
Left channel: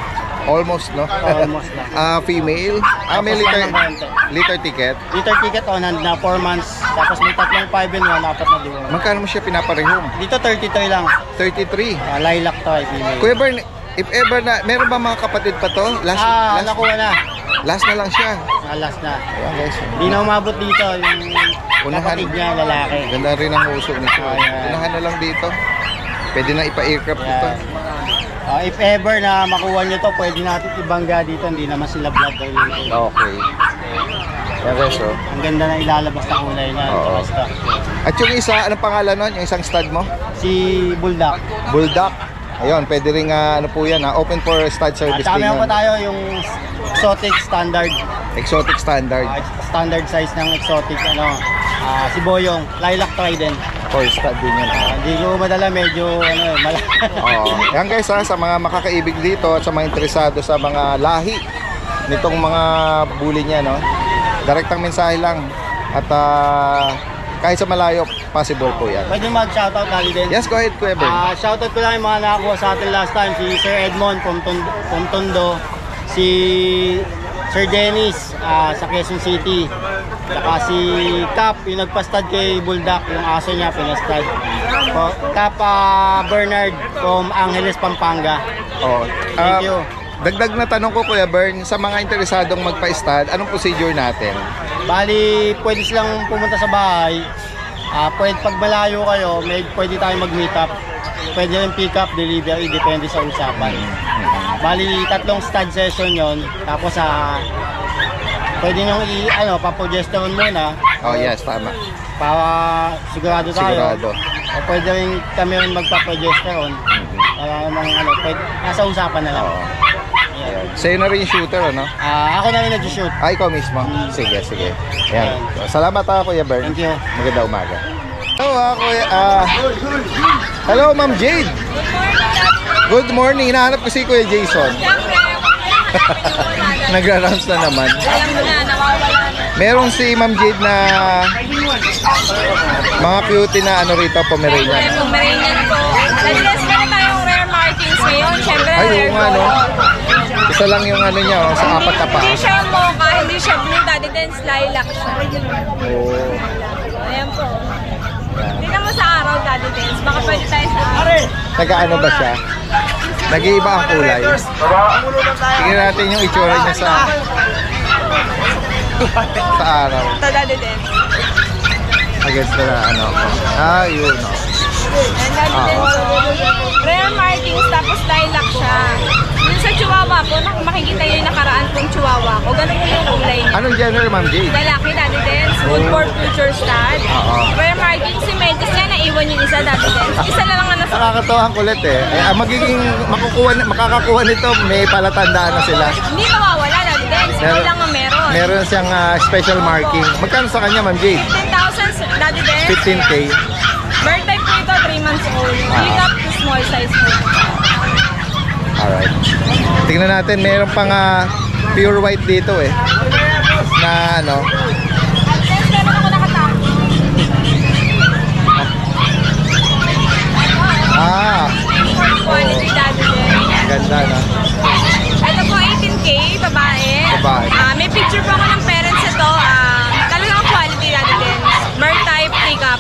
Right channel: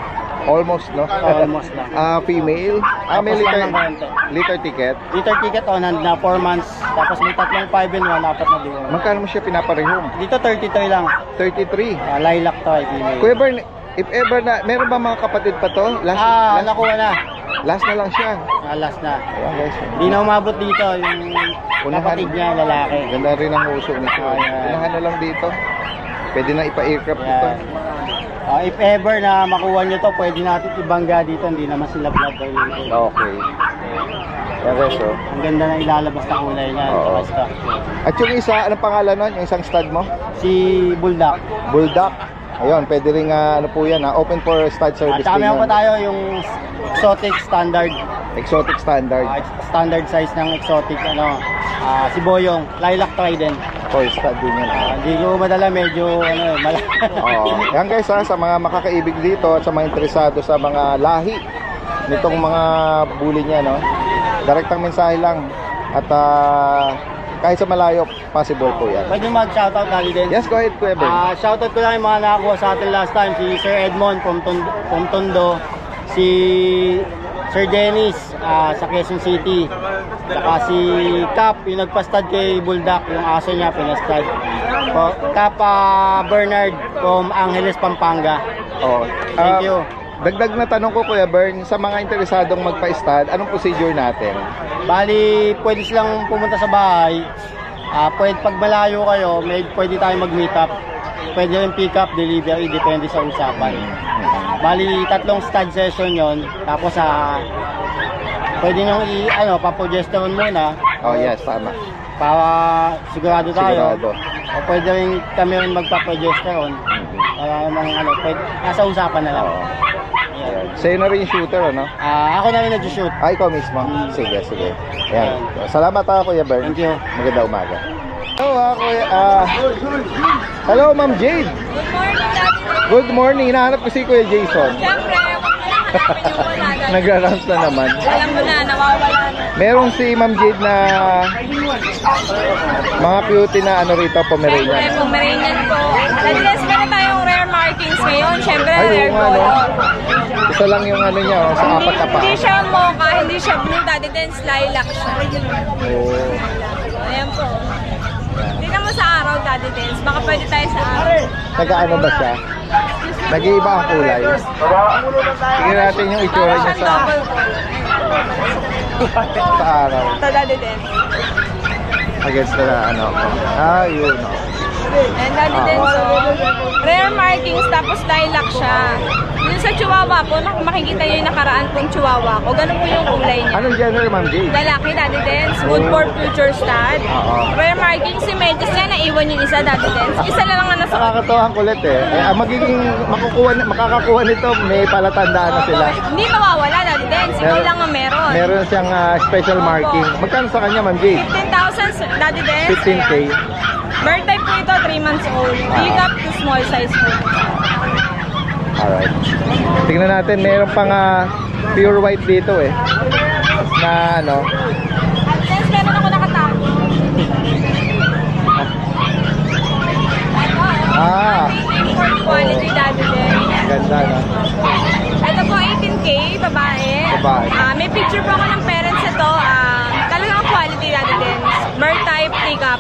Almost, no? Almost lang. Female. May Tapos liter, lang ng konti. liter ticket. Liter ticket on hand na 4 months. Tapos may tatlong 5 and 1, apat na diwan. Magkano mo siya pinaparehom? Dito 33 lang. 33. Lilac to ay female. Kuya Bern, if ever na, meron ba mga kapatid pa to? Nakuha na. Last na lang siya. Last na. Ayan guys. Di na umabot dito yung Unahan. kapatid niya, lalaki. Ganda rin ang uso nito. Ayan. Unahan na lang dito. Pwede na ipa-aircraft ito. If ever na makuha nyo to, pwede natin ibangga dito. Hindi naman sila blood related. Okay. Ayan guys, oh. Ang ganda na ilalabas na kulay niya. Oo. Tsaka stock. At yung isa, anong pangalan nun? Yung isang stud mo? Si Bulldog. Bulldog. Ayun, pwede rin ano po yan, open for stud service. At din meron yun. pa tayo yung exotic standard. Exotic standard. Standard size ng exotic, si Boyong. Lilac try din. For stud din yan. Hindi ko madala, medyo malaki. Oo. Yan guys, sa mga makakaibig dito at sa mga interesado sa mga lahi nitong mga bully niya, no? Direktang mensahe lang. At kahit sa malayo, possible po yan. Pwede mag-shoutout kali din. Yes, go ahead, Kuya Ben. Shoutout ko lang yung mga nakakuha sa atin last time. Si Sir Edmond from Tondo. Si Sir Dennis sa Quezon City. Saka si Cap, yung nagpastad kay Bulldog, yung aso niya, pinastad. Cap Bernard from Angeles, Pampanga. Oh. Thank you. Dagdag na tanong ko, Kuya Bern, sa mga interesadong magpa-stud, anong procedure natin? Bali, pwede silang pumunta sa bahay. Pwede pag malayo kayo, pwede tayong mag-meet up. Pwede rin pick up, delivery, depende sa usapan. Bali, 3 stud session yon. Tapos pwede nyo paprogesterone muna. Oh yes, tama. Para sigurado tayo. Sigurado. O pwede rin kami rin magpa-progesterone. Para pwede, nasa usapan na lang. Sa'yo na rin yung shooter, ano? Ako na rin nag-shoot. Ikaw mismo? Sige, sige. Ayan. Salamat Kuya Bern. Thank you. Maganda umaga. Hello, Kuya. Hello, Ma'am Jade. Good morning. Hinahanap ko si Kuya Jason. Siyempre, Nagra-rounds na naman. alam mo na, nawawala na. Merong si Ma'am Jade na mga cutie na rito, Pomeranian. Siyempre, Pomeranian po. Nag-less meron tayong rare markings ngayon. Siyempre, Ay, rare oo nga, no? gold. Isa lang yung niya, sa apat na pa. Hindi siya mocha, hindi siya blue daddy, then lilac siya. Oh. Ayan po. Tingnan mo sa araw, daddy dance. Baka pwede tayo sa araw. Nag-ano ba siya? Nag-iiba ang kulay. Tingnan natin yung itsura niya sa araw. Ito, daddy dance. Against na yun. And daddy dance, rare markings, tapos lilac siya. Yung sa chihuahua po, makikita nyo yung nakaraan kong chihuahua ko. Ganun po yung kulay niya. Anong gender, Ma'am Jade? Lalaki, daddy dance. Good for future stud. Rare markings, si Metis niya, naiwan yung isa, daddy dance. Isa na lang ang nasa... Nakakatawa ang kulit eh. Magiging makakakuha nito, may palatandaan na sila. Hindi mawawala, daddy dance. Ikaw lang ang meron. Meron siyang special marking. Magkano sa kanya, Ma'am Jade? 15,000, daddy dance. 15K. Bird type po ito, 3 months old. Big up to small size po. Alright. Tingnan natin, meron pang pure white dito eh. Na At then, meron ako nakatago. Import quality, daddy dance. Ganda na. Ito po, 18K, babae. Babae. May picture po ako ng parents ito. Talagang quality, daddy dance. Bird type, pick up.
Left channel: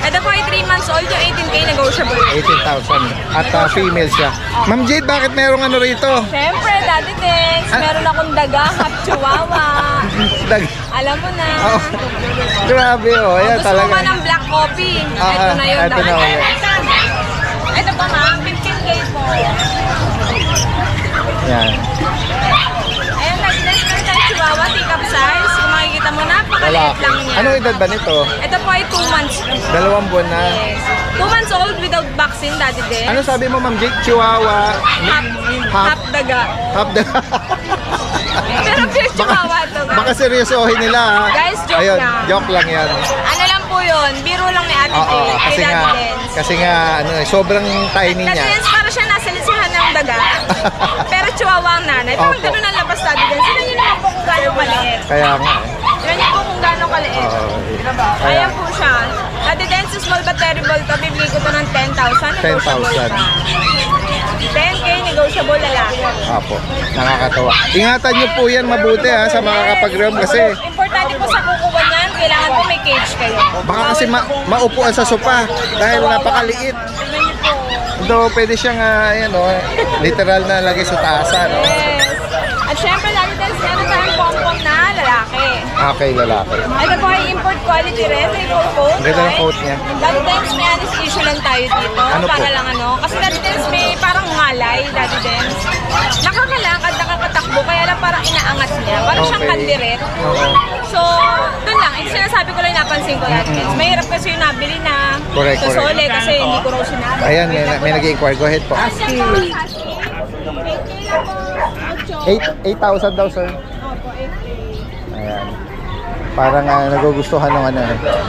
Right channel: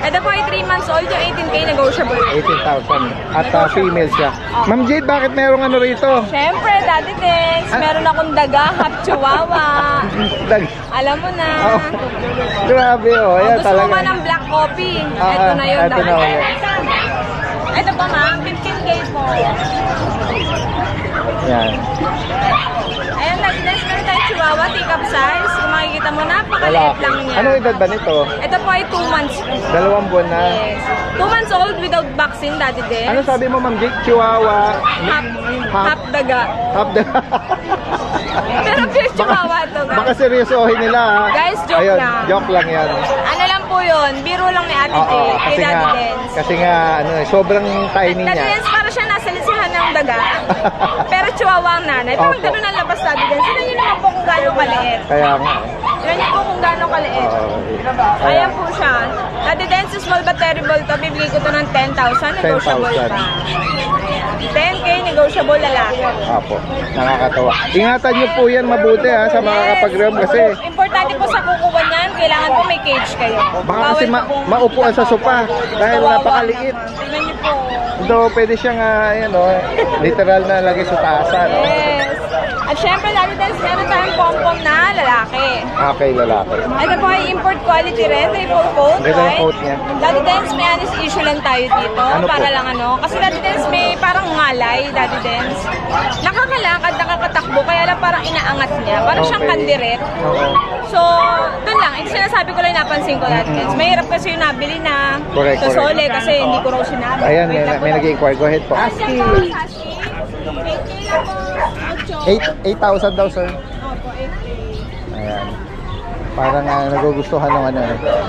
Ito po ay 3 months old, yung 18K negotiable. 18,000. At female siya. Ma'am Jade, bakit merong rito? Siyempre, daddy dance. Meron akong daga, half chihuahua. Alam mo na. Grabe ayan Gusto talaga. mo ba ng black coffee? Ito na yun, ito daddy na dance. Ito pa ma'am, 15K po. Yan. Ayan, daddy dance. Meron tayo Chihuahua, teacup size. Kung makikita mo, napakaliit lang niya. Anong edad ba nito? Ito po ay 2 months. 2 buwan na. Yes. 2 months old without vaccine, Daddy Dens. Ano sabi mo, Ma'am Jake? Chihuahua? Half daga. Half the... Pero pure Chihuahua ito, guys. Baka seryosohin nila, ha? Guys, joke Ayun, lang. joke lang yan. Ano lang po yun, biro lang ni Ate Oo, Jake, kay Daddy Dens. kasi nga, ano, sobrang tiny Daddy niya. Dens, para siya nasa lisihan ng daga. Pero Chihuahua ang nanay. Pero Opo. ganun ang labas, Daddy Dens. Sino nyo naman po kung gano'ng kaliit? Kaya nga. Sino nyo po kung gano'ng kaliit? Ayan po siya. Daddy Dens, small but terrible to. Bibigay ko to ng 10,000. Negotiable 10,000. pa. 10K, negotiable lalaki. Apo, nakakatawa. Ingatan niyo po yan mabuti, ha, sa mga kapag-ram kasi Importante po sa kukuha niyan, kailangan po may cage kayo. baka kasi maupuan sa sopa dahil napakaliit. Tingnan niyo po. Though pwede siyang ayan, literal na lagay sa taasan. No? Yes. At syempre, Daddy Dens, meron tayong pom-pom na lalaki. Okay, lalaki. Ito po ay import quality rin, triple coat, Ang ganda ng right? coat niya. Daddy Dens, may honest issue lang tayo dito, Ano para po? lang ano. Kasi Daddy Dens, may parang ngalay, Daddy Dens. Nakakalakad, nakakatakbo, kaya lang parang inaangat niya. Parang siyang Okay. kandiret. Oo. So, doon lang. Ito sinasabi ko lang, napansin ko Daddy Dens. Mahirap kasi yung nabili na Correct, sa correct. Sole kasi hindi ko raw sinabi. Ayan, Wait lang po, may Daddy. nag-inquire. Go ahead po. Husky. 8K lang po. 8,000 daw, sir. Opo, 8K. Ayan. Parang nagugustuhan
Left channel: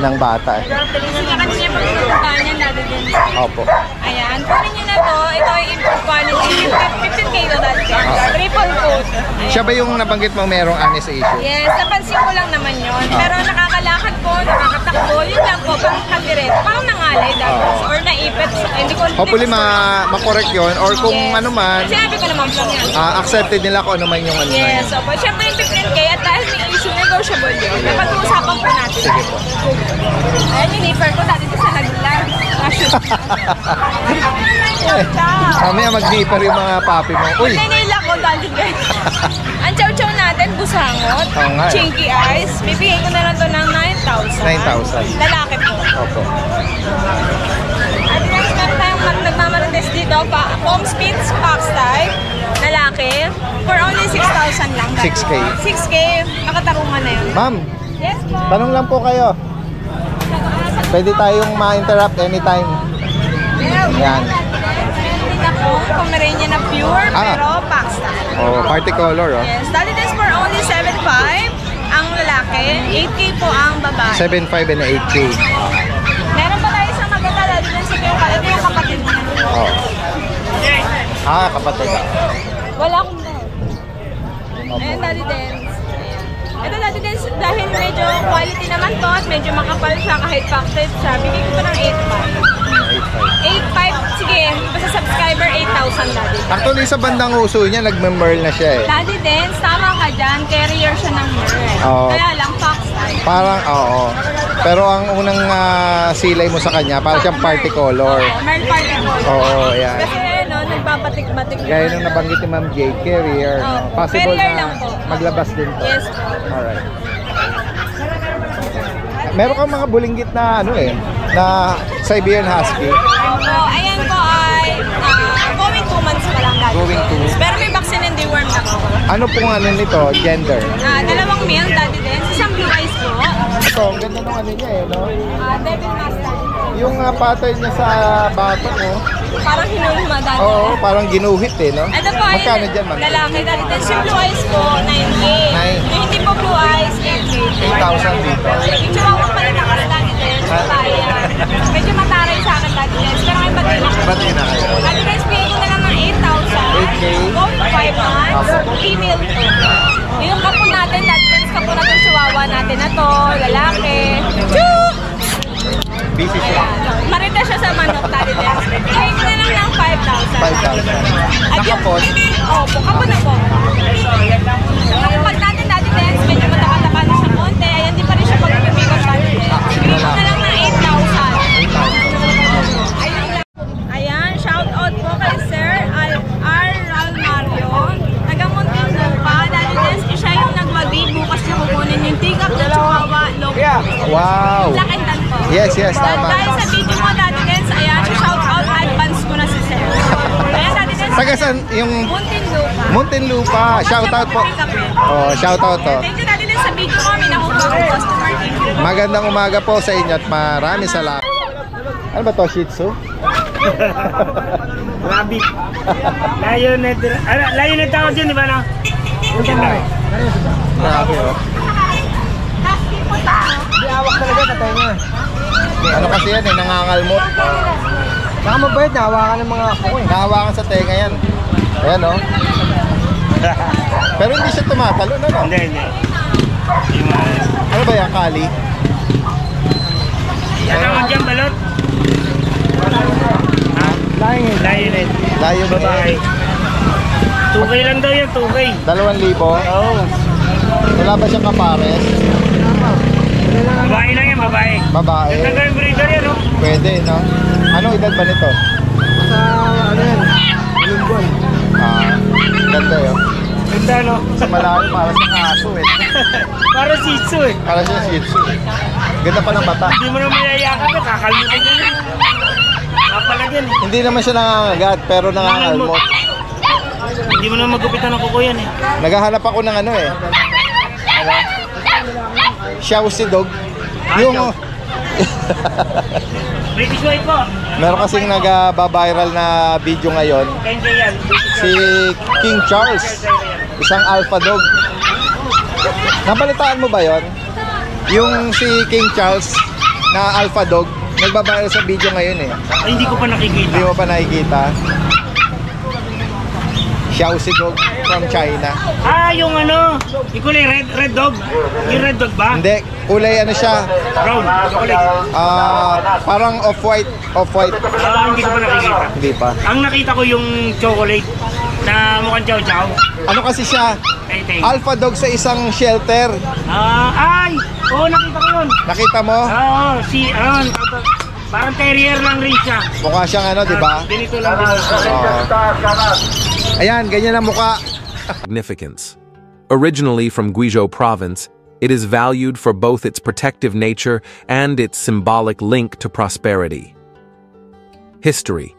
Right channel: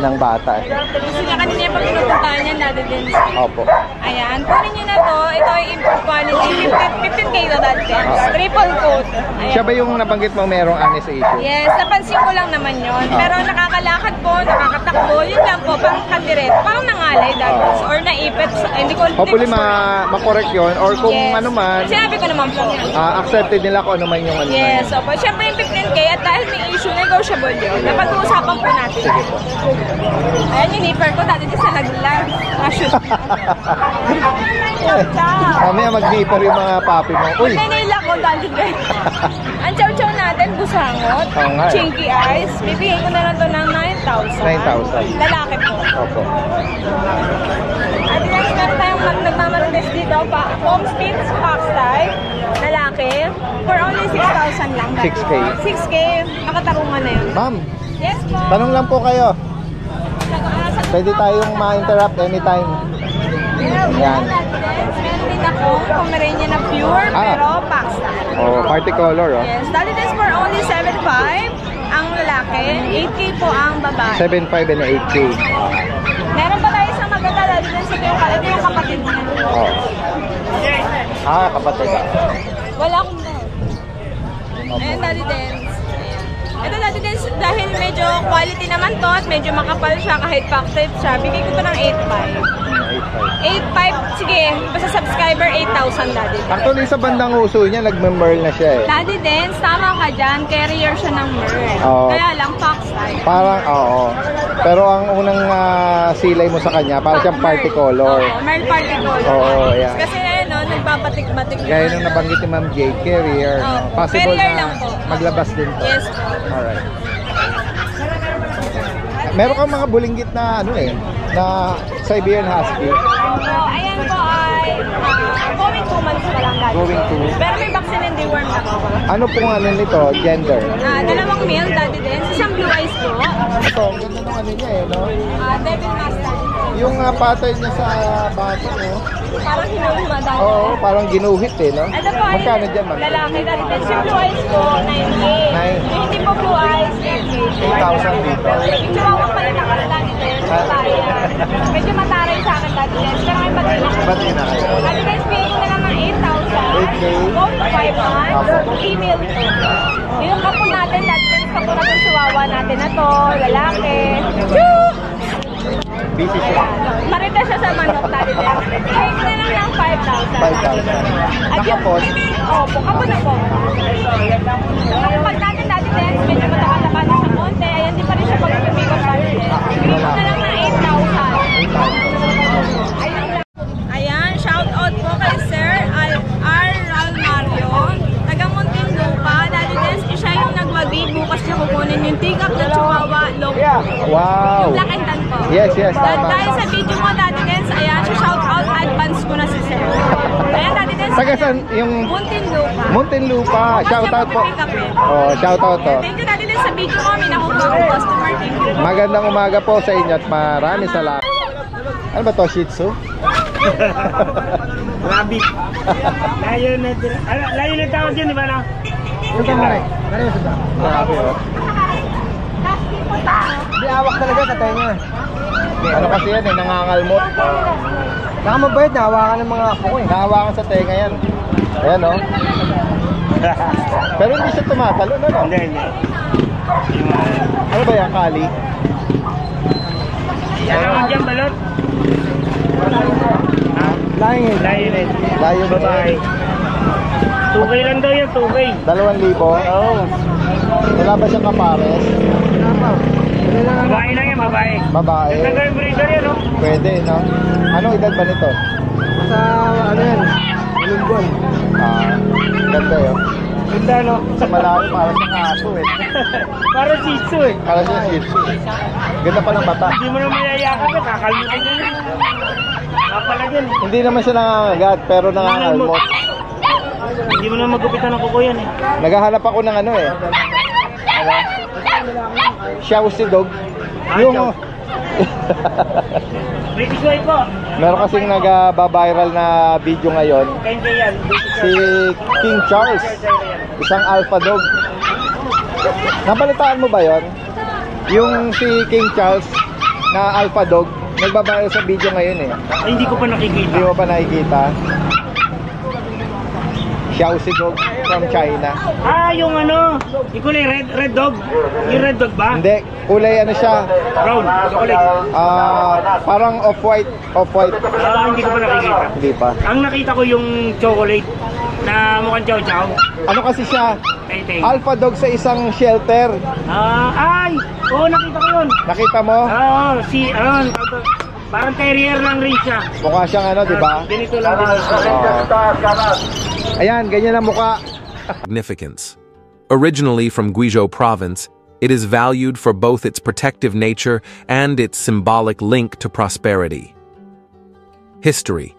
ng bata. Kasi nga kanina yung pagpupuntahan niya, Daddy Dens. Opo. Ayan, kunin nyo na to. Ito ay import quality. 15K to, Daddy Dens. Triple coat. Ayan. Siya ba yung nabanggit mo merong honest issue? Yes, napansin ko lang naman yon. Pero nakakalakad po, nakakatakbo. Yun lang po, parang kandiret. Parang nangalay, Daddy Dens. Or naipit. Hindi ko Hopefully makorek yun or kung Yes. ano man, Sinabi ko naman po. accepted nila kung ano man yung ano. Yes, opo. Siyempre yung 15K at dahil may issue, negotiable yun. Napag-uusapan po natin. Sige po. Ayan yung nipper ko, Daddy Dens, sa naglag. Na-shoot. Ciao. Mamaya mag-nipper yung mga papi mo. Uy! Nainila ko, Daddy Dens. Ang chow-chow natin, busangot, Oo nga eh. chinky eyes. Bibigay ko na lang to ng 9,000. 9,000. Lalaki po. Opo. At next, meron tayong nagmamarites dito, home speeds, box type, lalaki, for only 6,000 lang. 6K. 6K, nakatarungan na yun. Ma'am, Yes po. tanong lang po kayo. Sa Pwede tayong ma-interrupt anytime. Yan. Yan. Meron din ako, Pomeranian na pure, pero box type. Oh, party color, oh. Yes, dali this for only 7,500 ang lalaki, 8K po ang babae. 7,500 and 8K. Meron pa tayo isang maganda dali din sa ito yung kapatid niya. Oh. Kapatid. Wala akong Ayan, Daddy Dens. Ito, Daddy Dens, dahil medyo quality naman to at medyo makapal siya kahit pack type siya, bigay ko to ng 8,500. 8,500, sige, basta subscriber, 8,000, Daddy Dens. Actually, sa bandang uso niya, nagme-merl na siya eh. Daddy Dens, tama ka dyan, carrier siya ng merl. Oo. Kaya lang, fox type. Parang, oo. Pero ang unang silay mo sa kanya, parang siyang party color. Oo, merl party color. Oo, yan. Kasi, no, nagbabatik-batik. Gaya nung nabanggit ni Ma'am Jade, carrier. No? Oo, Possible carrier na lang po. maglabas din to. Yes po. Alright. Meron kang mga bulinggit na na Siberian Husky. So, ayan po ay going 2 months pa lang, Daddy. Going to. Pero may vaccine and deworm na po. Ano pong nito? Gender? Dalawang male, Daddy Dens. Isang blue eyes po. Ito, ang ganda ng niya no? Devil Master. Yung pattern niya sa bato, no? Parang hinulma, Daddy. Oo, parang ginuhit no? Ito po ay Magkano dyan, ma'am? lalaki, Daddy Dens. Yung blue eyes po, 9K. Yung hindi po blue eyes, 8K. 8,000 dito. Yung chihuahua pa rin ako, Daddy Dens. Medyo mataray sa akin, Daddy Dens. Pero may batin ako. Ba't yun na kayo? Daddy Dens, bigay ko na lang ng 8,000. 8K. Going 5 months. Female po. Yung kapo natin, Daddy Dens, kapo na itong chihuahua natin na to, lalaki. Choo! Busy siya. Marita siya sa manok, Daddy Dens. Bigay ko na lang ng 5,000. 5,000. Nakapos? Opo, kapo na po. Pag natin, Daddy Dens, medyo mataka-taka na siya konti. Ayan, di pa rin siya pag-pipikot, Daddy Dens. Bigay ko na lang ng 8,000. Ayan, shout out po kay Sir Ral Mario. Taga-Muntinlupa, Daddy Dens, siya yung nagwagi. Bukas niya kukunin yung tigap na chihuahua, local. Wow! Yung black and tan po. Yes, tama. Dahil sa video mo, Daddy Dens, ayan, shout out, advance ko na si Sir. Ayan, Daddy Dens. Taga saan yung... Muntinlupa. Muntinlupa. Shoutout po. Oh, shoutout to. Thank you Daddy Dens sa video ko. May nakuha akong customer. Thank you. Magandang umaga po sa inyo at maraming salamat. Ano ba to, Shih Tzu? Rabbit. Layo na tawag yun, di ba, no? Hindi, awak talaga sa tenga. Ano kasi yan eh, nangangalmot. Saka mabait, nahawakan ng mga apo ko eh. Nahawakan sa tenga yan. Ayan o. Pero hindi siya tumatalo, ano? Hindi. Ano ba yan, Kali? Ano ang dyan, balot? Layo Layo ba babae. 2K lang daw yan, 2K. 2,000? Oo. Wala ba siyang kapares? Babae lang yan, babae. Babae. Ito yung breeder yan, no? Pwede, no? Anong edad ba nito? Sa ano yan, Lunggon. Ganda yun. Ganda, no? Sa malayo, para sa aso eh. Para Shih Tzu eh. Para sa Shih Tzu. Ganda pa ng bata. Hindi mo na mayayakap eh, kakalimutan nyo yun. Kapala din eh. Hindi naman siya nangangagat, pero nangangalmot. Hindi mo na magupitan ng kuko yan eh. Naghahanap ako ng ano eh. Ano? Xiaoxi dog. Yung... British White po. Meron kasing nag-viral na video ngayon. 10K yan. Si King Charles. Isang alpha dog. Nabalitaan mo ba yon? Yung si King Charles na alpha dog. Nagbabayal sa video ngayon eh. Ay, hindi ko pa nakikita. Hindi mo pa nakikita. Xiaoxi dog from China. Yung ano, yung kulay red dog. Yung red dog ba? Hindi, kulay ano siya? Brown, chocolate. Parang off-white. Hindi ko pa nakikita. Hindi pa. Ang nakita ko yung chocolate na mukhang chow chow. Ano kasi siya? Alpha dog sa isang shelter. Oo, nakita ko yun. Nakita mo? Parang terrier lang rin siya. Mukha siyang ano, di ba? Ganito lang din. Ayan, ganyan ang mukha. Significance. Originally from Guizhou province, it is valued for both its protective nature and its symbolic link to prosperity. History.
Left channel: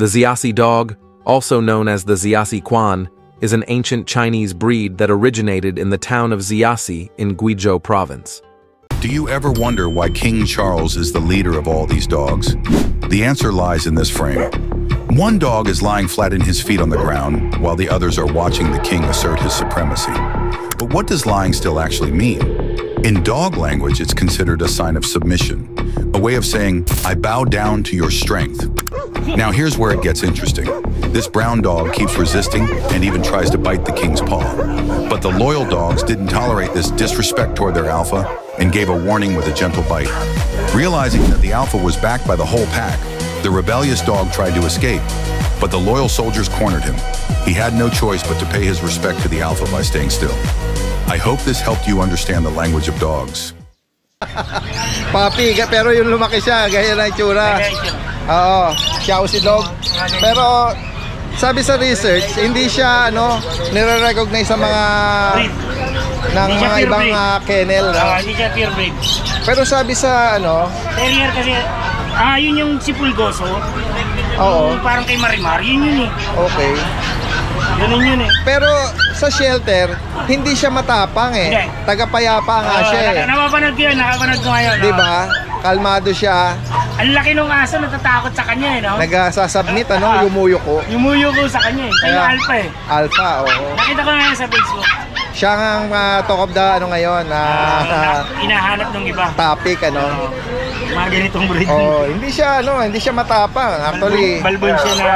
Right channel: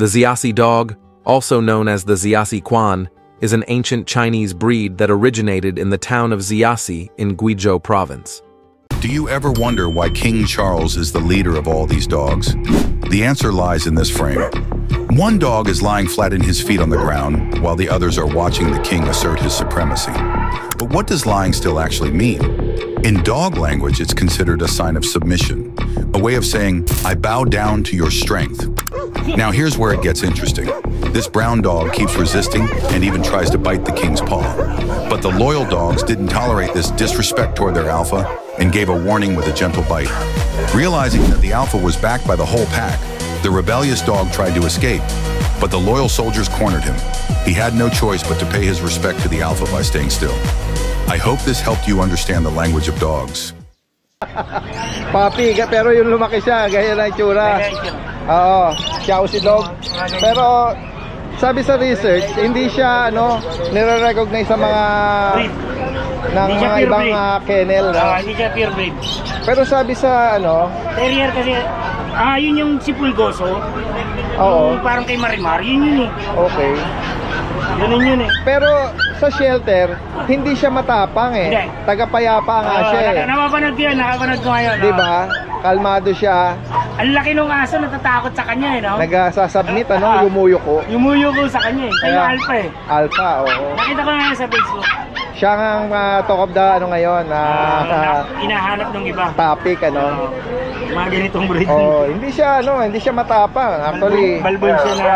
The Xiaoxi dog, also known as the Xiaoxi Quan, is an ancient Chinese breed that originated in the town of Xiaoxi in Guizhou province. Do you ever wonder why King Charles is the leader of all these dogs? The answer lies in this frame. One dog is lying flat in his feet on the ground, while the others are watching the king assert his supremacy. But what does lying still actually mean? In dog language, it's considered a sign of submission, a way of saying, I bow down to your strength. Now here's where it gets interesting. This brown dog keeps resisting and even tries to bite the king's paw. But the loyal dogs didn't tolerate this disrespect toward their alpha and gave a warning with a gentle bite. Realizing that the alpha was backed by the whole pack, the rebellious dog tried to escape, but the loyal soldiers cornered him. He had no choice but to pay his respect to the alpha by staying still. I hope this helped you understand the language of dogs. Papi, pero yung lumaki siya, gaya na itsura. Oo, Xiaoxi dog. Pero sabi sa research, hindi siya nire-recognize sa mga ng mga ibang kennel. Hindi siya pure breed. Pero sabi sa terrier kasi, yun yung si Pulgoso. Oo. Parang kay Marimar, yun eh. Okay. Ganun yun eh. Pero sa shelter, hindi siya matapang eh. Hindi. Tagapayapa nga siya eh. Napapanood ko yun, nakapanood ko ngayon. Diba? Kalmado siya. Ang laki nung aso, natatakot sa kanya eh, no? Nagsasubmit, yumuyuko. Yumuyuko sa kanya eh. Siya yung alpha eh. Alpha, oo. Nakita ko ngayon sa Facebook. Siya ang talk of the ngayon. Inahanap ng iba. Topic, mga ganitong breed. Hindi siya matapang. Actually, balbon siya na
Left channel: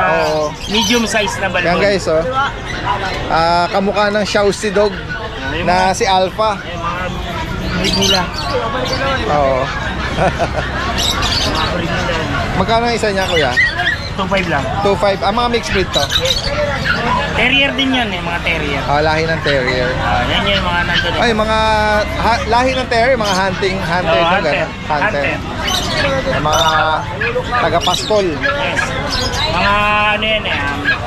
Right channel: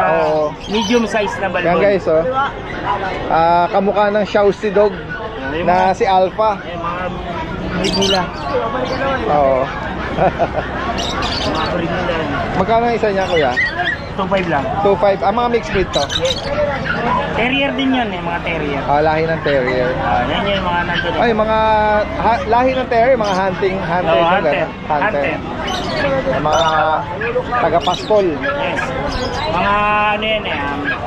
medium size na balbon. Yan guys, kamukha ng Xiaoxi dog na si Alpha. Mga breed nila. Oo. Mga breed nila. Magkano ang isa niya, kuya? 2.5 lang. 2.5. Ang mga mixed breed to? Terrier din yan mga terrier. Lahi ng terrier. Yan yung mga nandun. Ay, mga lahi ng terrier, mga hunter. Hunter. Mga taga-pastol. Yes. Mga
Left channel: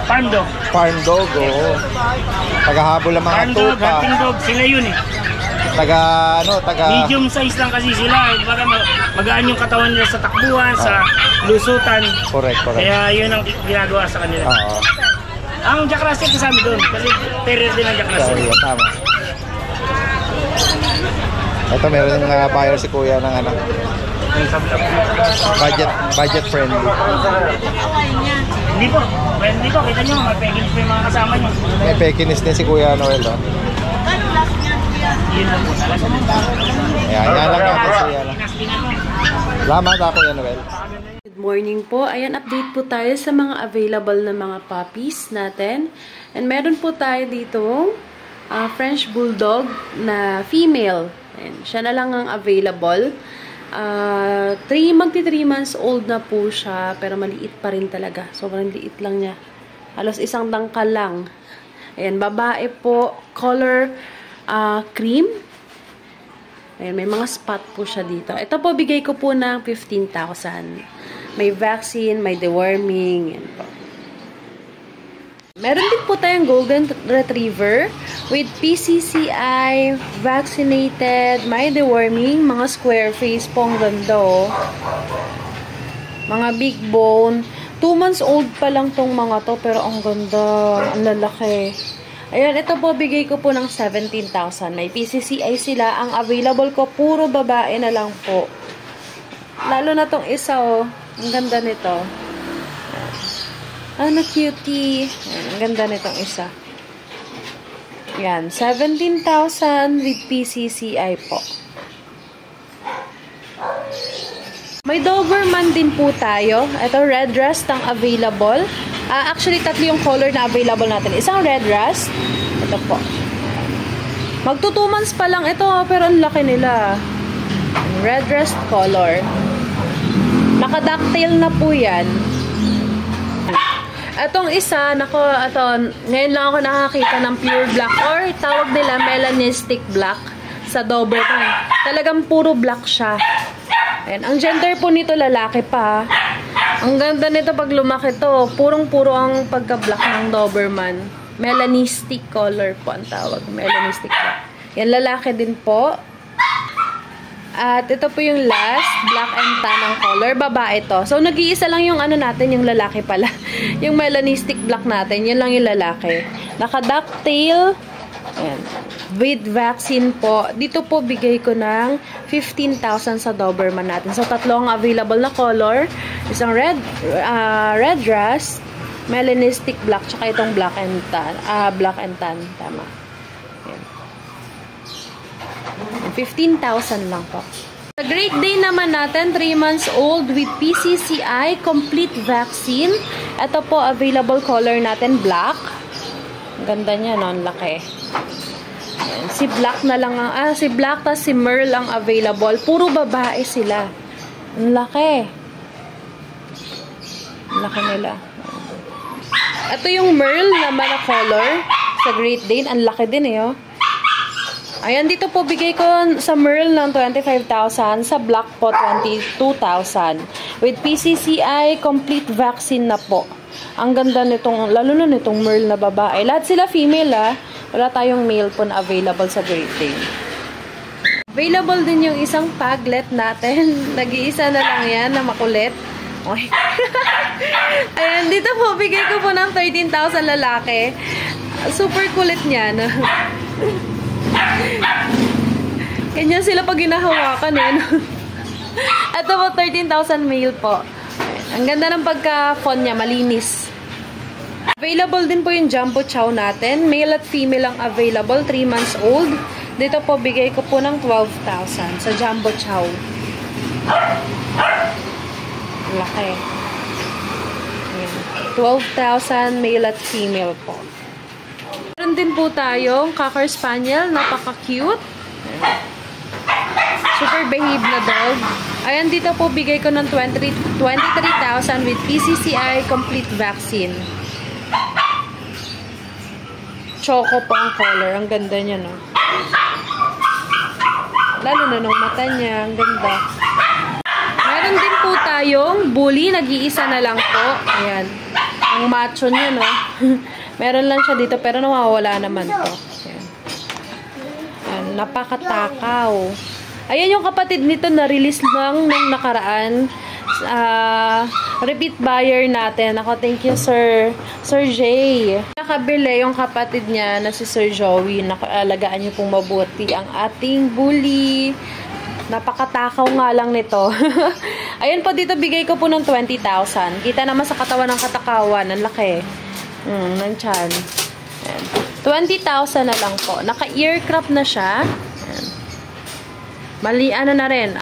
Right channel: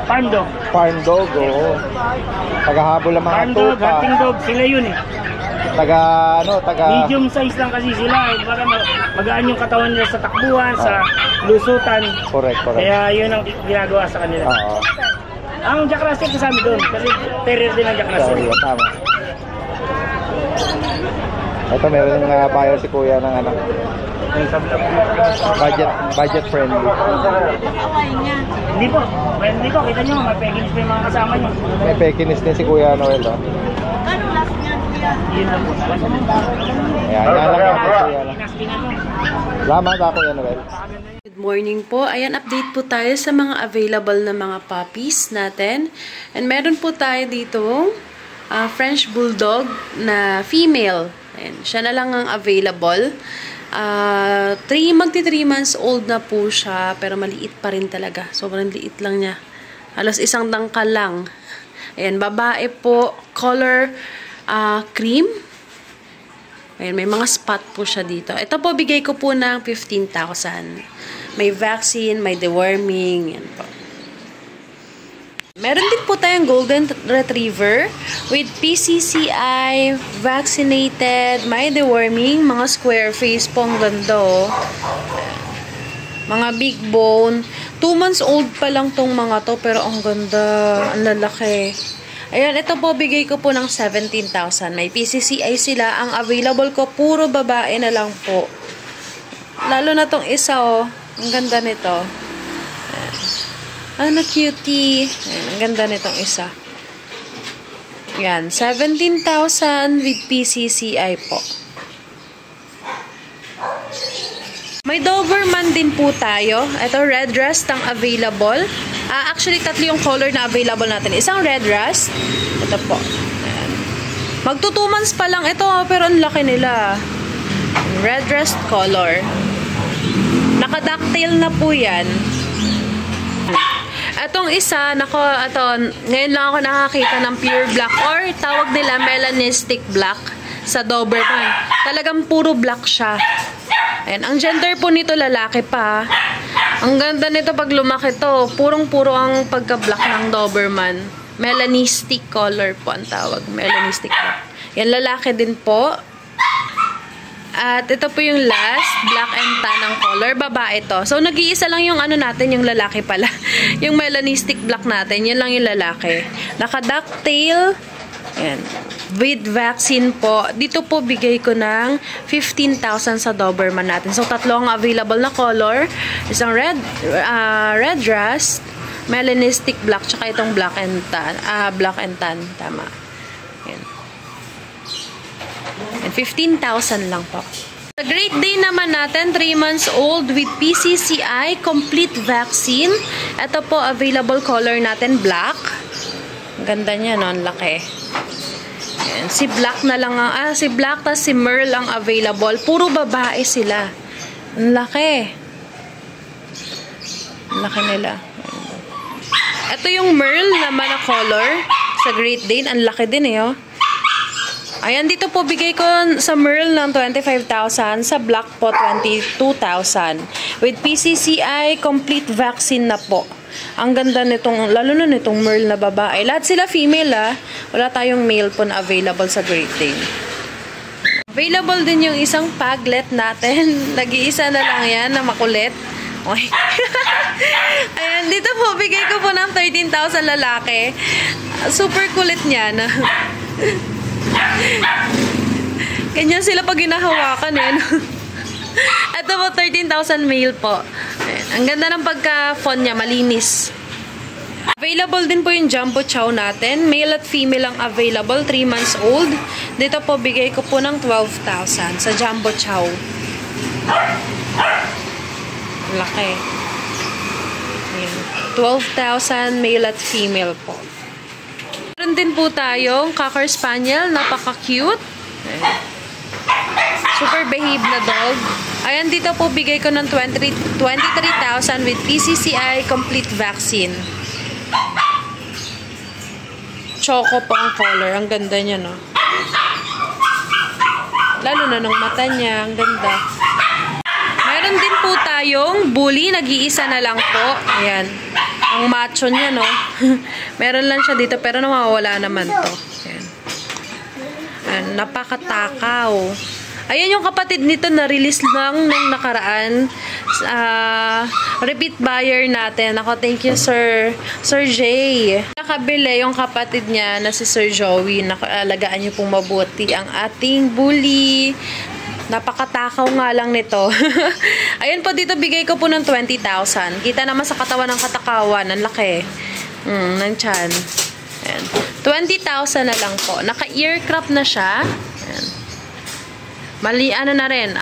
farm dog. Farm dog, oo. Tagahabol ng mga farm dog, tupa. hunting dog, sila yun eh. Taga medium size lang kasi sila. Magaan yung katawan nila sa takbuhan, sa lusutan. Correct. Kaya yun ang ginagawa sa kanila. Ang Jack Russell kasama doon. Kasi terrier din ang Jack Russell. Sorry, tama. Ito, meron yung buyer si Kuya ng ano. Budget friendly. Hindi po. Friendly po. Kita nyo, may Pekinis pa yung mga kasama nyo. May Pekinis din si Kuya Noel. Oh. Yun lang po. Ayan, yan lang yan. Salamat ako, Kuya Noel. Good morning po. Ayan, update po tayo sa mga available na mga puppies natin. And meron po tayo dito French Bulldog na female. Ayan, siya na lang ang available. Magti 3 months old na po siya, pero maliit pa rin talaga. Sobrang liit lang niya. Halos isang dangkal lang. Ayan, babae po, color cream. Ayan, may mga spot po siya dito. Ito po, bigay ko po ng 15,000. May vaccine, may deworming. Yan po. Meron din po tayong Golden Retriever with PCCI, vaccinated, may deworming, mga square face po, ang ganda oh. Mga big bone. 2 months old pa lang tong mga to, pero ang ganda, ang lalaki. Ayan, ito po, bigay ko po ng 17,000. May PCCI sila. Ang available ko, puro babae na lang po. Lalo na tong isa oh. Ang ganda nito. Ano cutie. Ayan, ang ganda nitong isa. Yan, 17,000 with PCCI po. May Doberman din po tayo. Ito, red rust ang available. Actually, 3 yung color na available natin. Isang red rust. Ito po. Ayan. Magto 2 months pa lang ito, pero ang laki nila. Red rust color. Naka-ducktail na po yan. Itong isa, ngayon lang ako nakakita ng pure black or tawag nila melanistic black sa Doberman. Talagang puro black siya. Ayan, ang gender po nito lalaki pa. Ang ganda nito pag lumaki to. Purong-puro ang pagka-black ng Doberman. Melanistic color po ang tawag. Melanistic black. Yan, lalaki din po. At ito po yung last, black and tan ang color, babae to. So, nag-iisa lang yung ano natin, yung lalaki pala. Yung melanistic black natin, yun lang yung lalaki. Naka-ducktail, ayan, with vaccine po. Dito po, bigay ko ng 15,000 sa Doberman natin. So, 3 ang available na color. Isang red rust, melanistic black, tsaka itong black and tan, tama. Ayan. And 15,000 lang po. Sa Great Dane naman natin, 3 months old with PCCI, complete vaccine. Ito po, available color natin, black. Ang ganda niya, no? Ang laki. Ayan. Si Black na lang ang, si Black tas si Merle ang available. Puro babae sila. Ang laki. Ang laki nila. Ito yung Merle naman na color sa Great Dane. Ang laki din eh, oh. Ayan, dito po bigay ko sa Merle ng 25,000, sa Black po 22,000. With PCCI, complete vaccine na po. Ang ganda nitong, lalo na nitong Merle na babae. Lahat sila female Wala tayong male po na available sa Great Dane. Available din yung isang paglet natin. Nag-iisa na lang yan na makulit. Okay. Ayan, dito po bigay ko po ng 13,000 lalaki. Super kulit niya. Ganyan sila pag ginahawakan eh. Ito po, 13,000 male po. Ayan. Ang ganda ng pagka-font niya, malinis. Available din po yung Jumbo Chow natin. Male at female ang available, 3 months old. Dito po, bigay ko po ng 12,000 sa Jumbo Chow. Laki. Ayan. 12,000 male at female po. Meron din po tayong Cocker Spaniel, napaka-cute. Super behave na dog. Ayan, dito po bigay ko ng 23,000 with PCCI complete vaccine. Choco po ang color. Ang ganda niya, no? Lalo na nung mata niya. Ang ganda. Meron din po tayong bully. Nag-iisa na lang po. Ayan. Ang macho niya, no? Meron lang siya dito, pero nawawala naman to. Ayan. Ayan, napakatakaw. Ayan yung kapatid nito na release lang nung nakaraan. Repeat buyer natin. Ako, thank you Sir Jay. Nakabili yung kapatid niya na si Sir Joey. Alagaan niyo pong mabuti ang ating bully. Napakatakaw nga lang nito. Ayun po, dito bigay ko po ng 20,000. Kita naman sa katawan ng katakawan. Ang laki. Ng tiyan. Ayan. 20,000 na lang po. Naka-earcraft na siya. Ayan. Mali, ano na rin,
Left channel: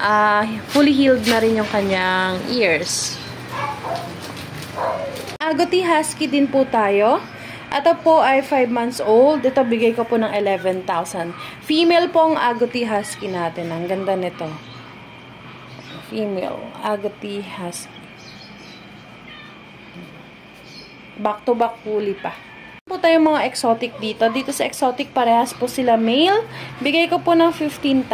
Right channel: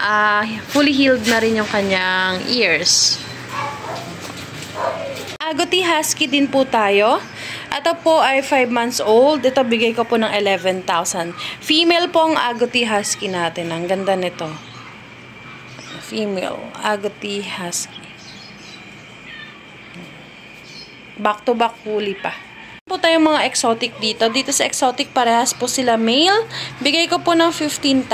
fully healed na rin yung kanyang ears. Agouti Husky din po tayo. Ito po ay 5 months old. Ito bigay ko po ng 11,000. Female po ang Agouti Husky natin. Ang ganda nito. Female Agouti Husky. Back to back fully pa. Po tayong mga exotic dito. Dito sa exotic parehas po sila male. Bigay ko po ng 15,000.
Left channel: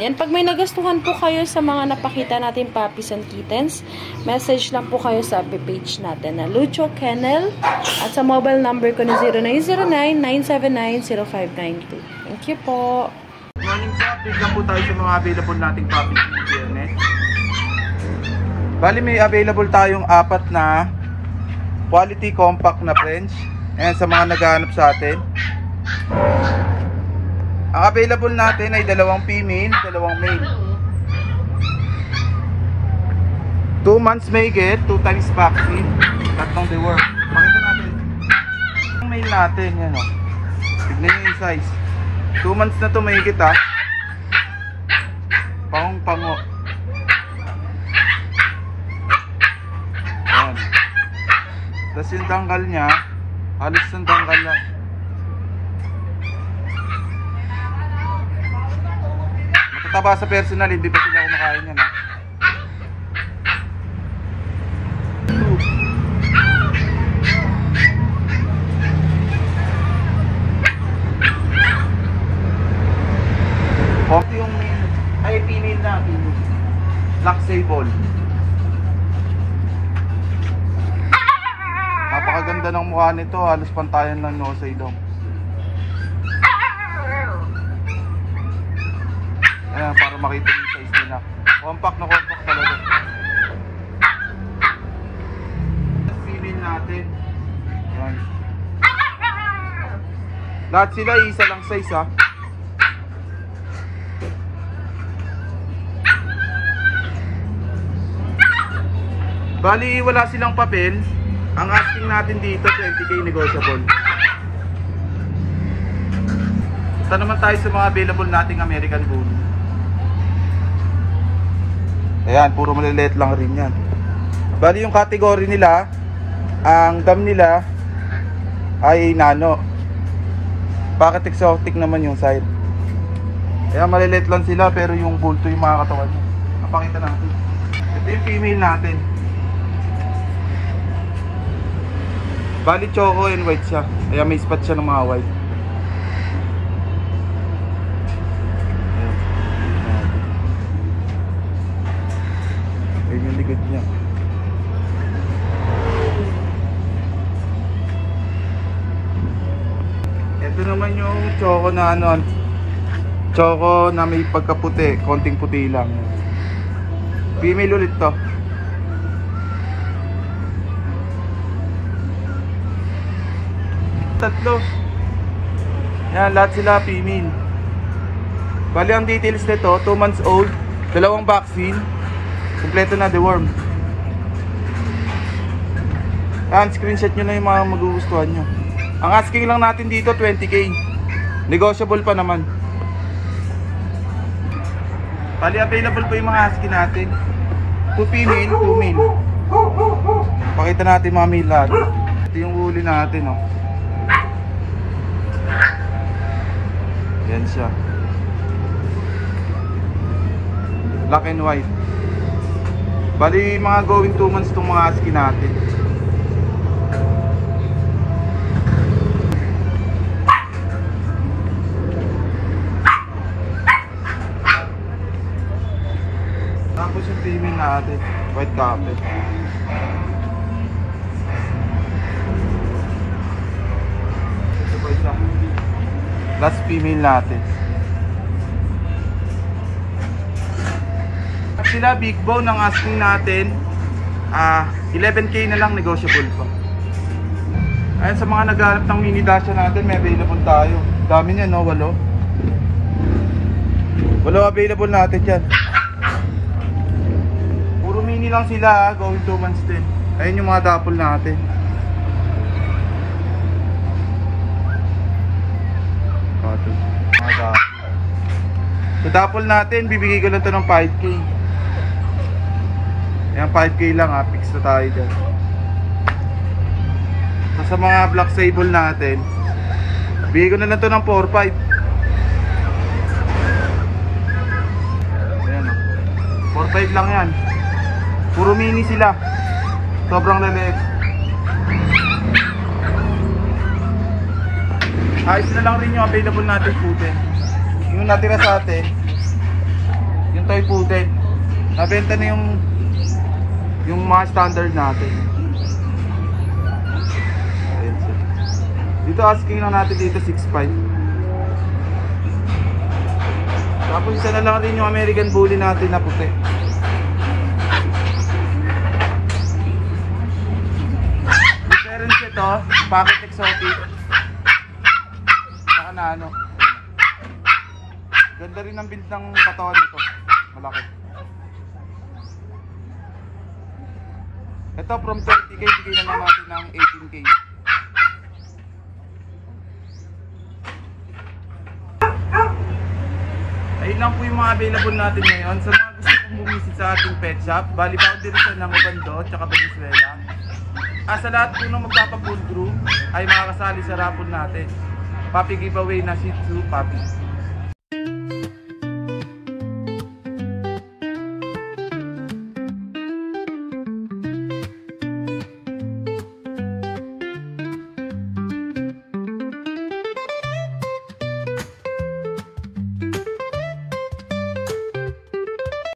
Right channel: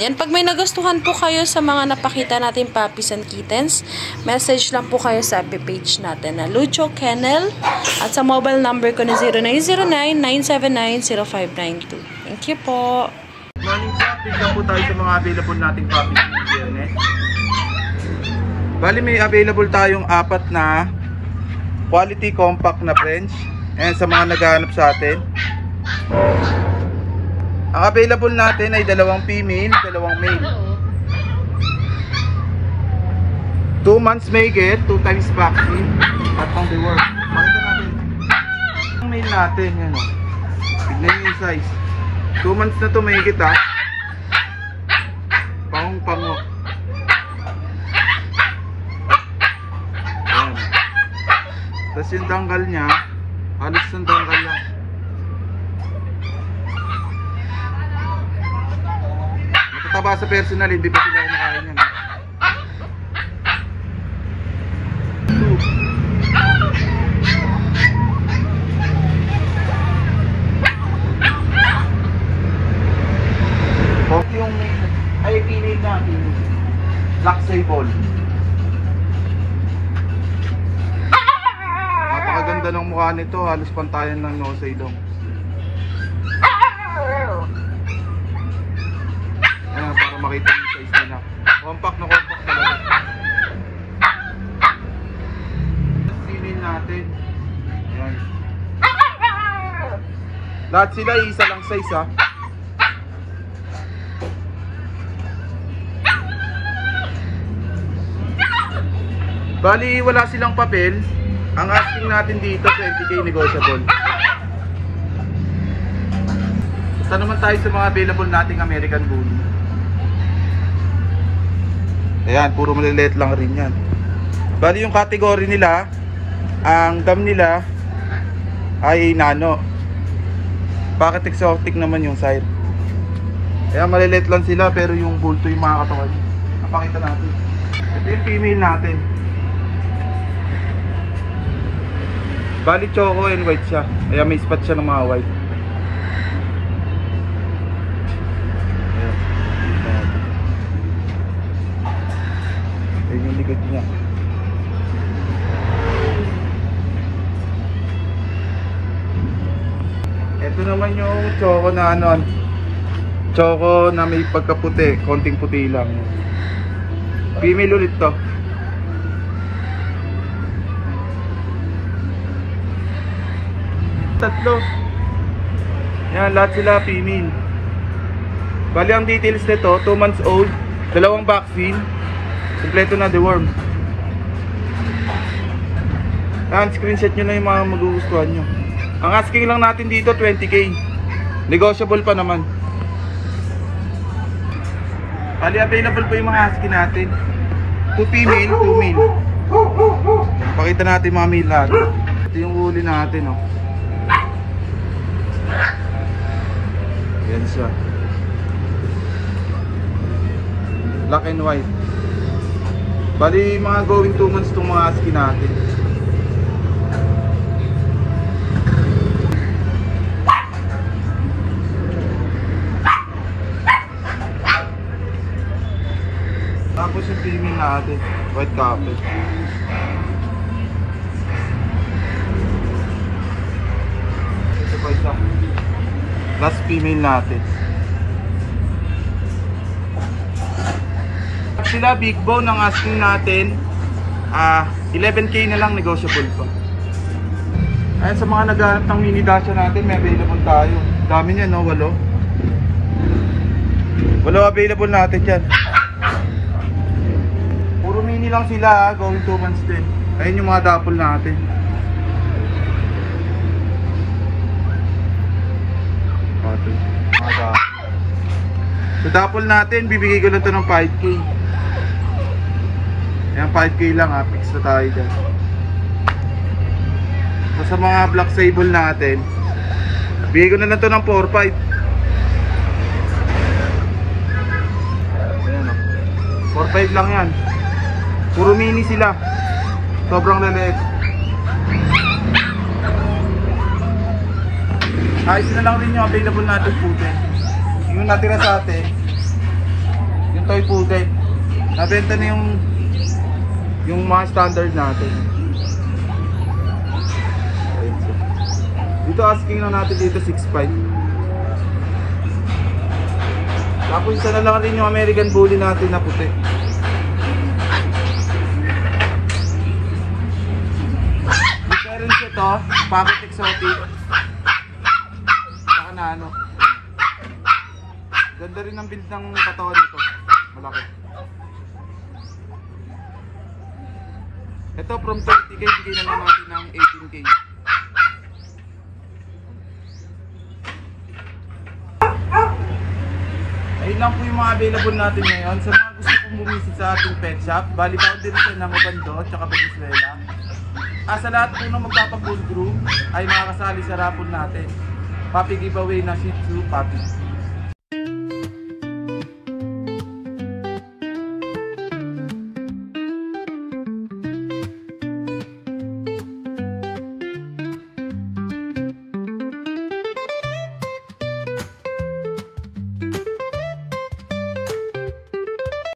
Yan, pag may nagustuhan po kayo sa mga napakita natin puppies and kittens, message lang po kayo sa page natin na Lucho Kennel at sa mobile number ko na 0909-979-0592. Thank you po. Good morning po. Tignan po tayo sa mga available nating puppies ng GNS. Bali may available tayong 4 na quality compact na French. Ayan, sa mga naghahanap sa atin. Ang available natin ay 2 female, 2 male. 2 months may get, 2 times vaccine, at pang deworm. Pakita natin. Ang male natin, yan o. Tignan nyo yung size. 2 months na to may get ha. Pangong-pango. Ayan. Tapos yung tanggal niya, halos ng tanggal lang. Matataba sa personal, hindi pa sila kumakain yan. Konti yung ay female na female. Black sable. Napakaganda ng mukha nito, halos pantayan ng nose ilong. Ayan, para makita yung size nila. Compact na compact talaga. Female natin. Ayan. Lahat sila isa lang size ha. Bali wala silang papel. Ang asking natin dito 20k negotiable. Ito naman tayo sa mga available nating American Bully. Ayan, puro maliliit lang rin yan. Bali yung category nila, ang gam nila ay nano. Bakit exotic naman yung sire. Ayan, maliliit lang sila pero yung bulto yung mga katawan nyo. Napakita natin. Ito yung female natin. Bali choco and white siya. Kaya may spot siya ng mga white. Ayan yung likod niya. Ito naman yung choco na ano. Choco na may pagkaputi. Konting puti lang. Female ulit to. Tatlo. Yan, lahat sila female. Bali ang details nito, 2 months old, 2 vaccine, kompleto na deworm. Yan, screenshot nyo na yung mga magugustuhan nyo. Ang asking lang natin dito 20k. Negotiable pa naman. Bali available pa yung mga husky natin. 2 female, 2 male. Pakita natin mga male lahat. Ito yung huli natin oh. Yan siya. Black and white. Bali mga going 2 months itong mga husky natin. Tapos yung female natin, white carpet. Ito pa isa. Last female natin. Black sila, big bone. Ang asking natin 11K na lang, negotiable pa. Ayun, sa mga naghahanap ng mini Dacia natin, may available tayo. Dami niya, no? 8 available natin dyan. Puro mini lang sila, going 2 months din. Ayun yung mga dapol natin. Sa dapol natin, bibigay ko lang ito ng 5K. Yan, 5K lang ha, fix na tayo dyan. Sa mga black sable natin, bigay ko na lang ito ng 4-5. Ayan o, 4-5 lang yan. Puro mini sila, sobrang leleek. Ayos na lang din yung available natin putin. Yung natira sa atin, yung toy putin, nabenta na yung mga standard natin. Dito asking na natin dito 6.5. Tapos isa na lang rin yung American Bully natin na puti. Difference ito, pocket exotic. Saka na ano. Ganda rin ang build ng katawan nito. Malaki. Ito from 30K, bigyan na natin ng 18K. Ayun lang po yung mga available natin ngayon. Sa mga gusto pong bumisip sa ating pet shop, bali boundary sa Nangobando at Valenzuela. Sa lahat po ng magpapa-full groom ay makakasali sa rapon natin. Puppy giveaway na Shih Tzu puppy.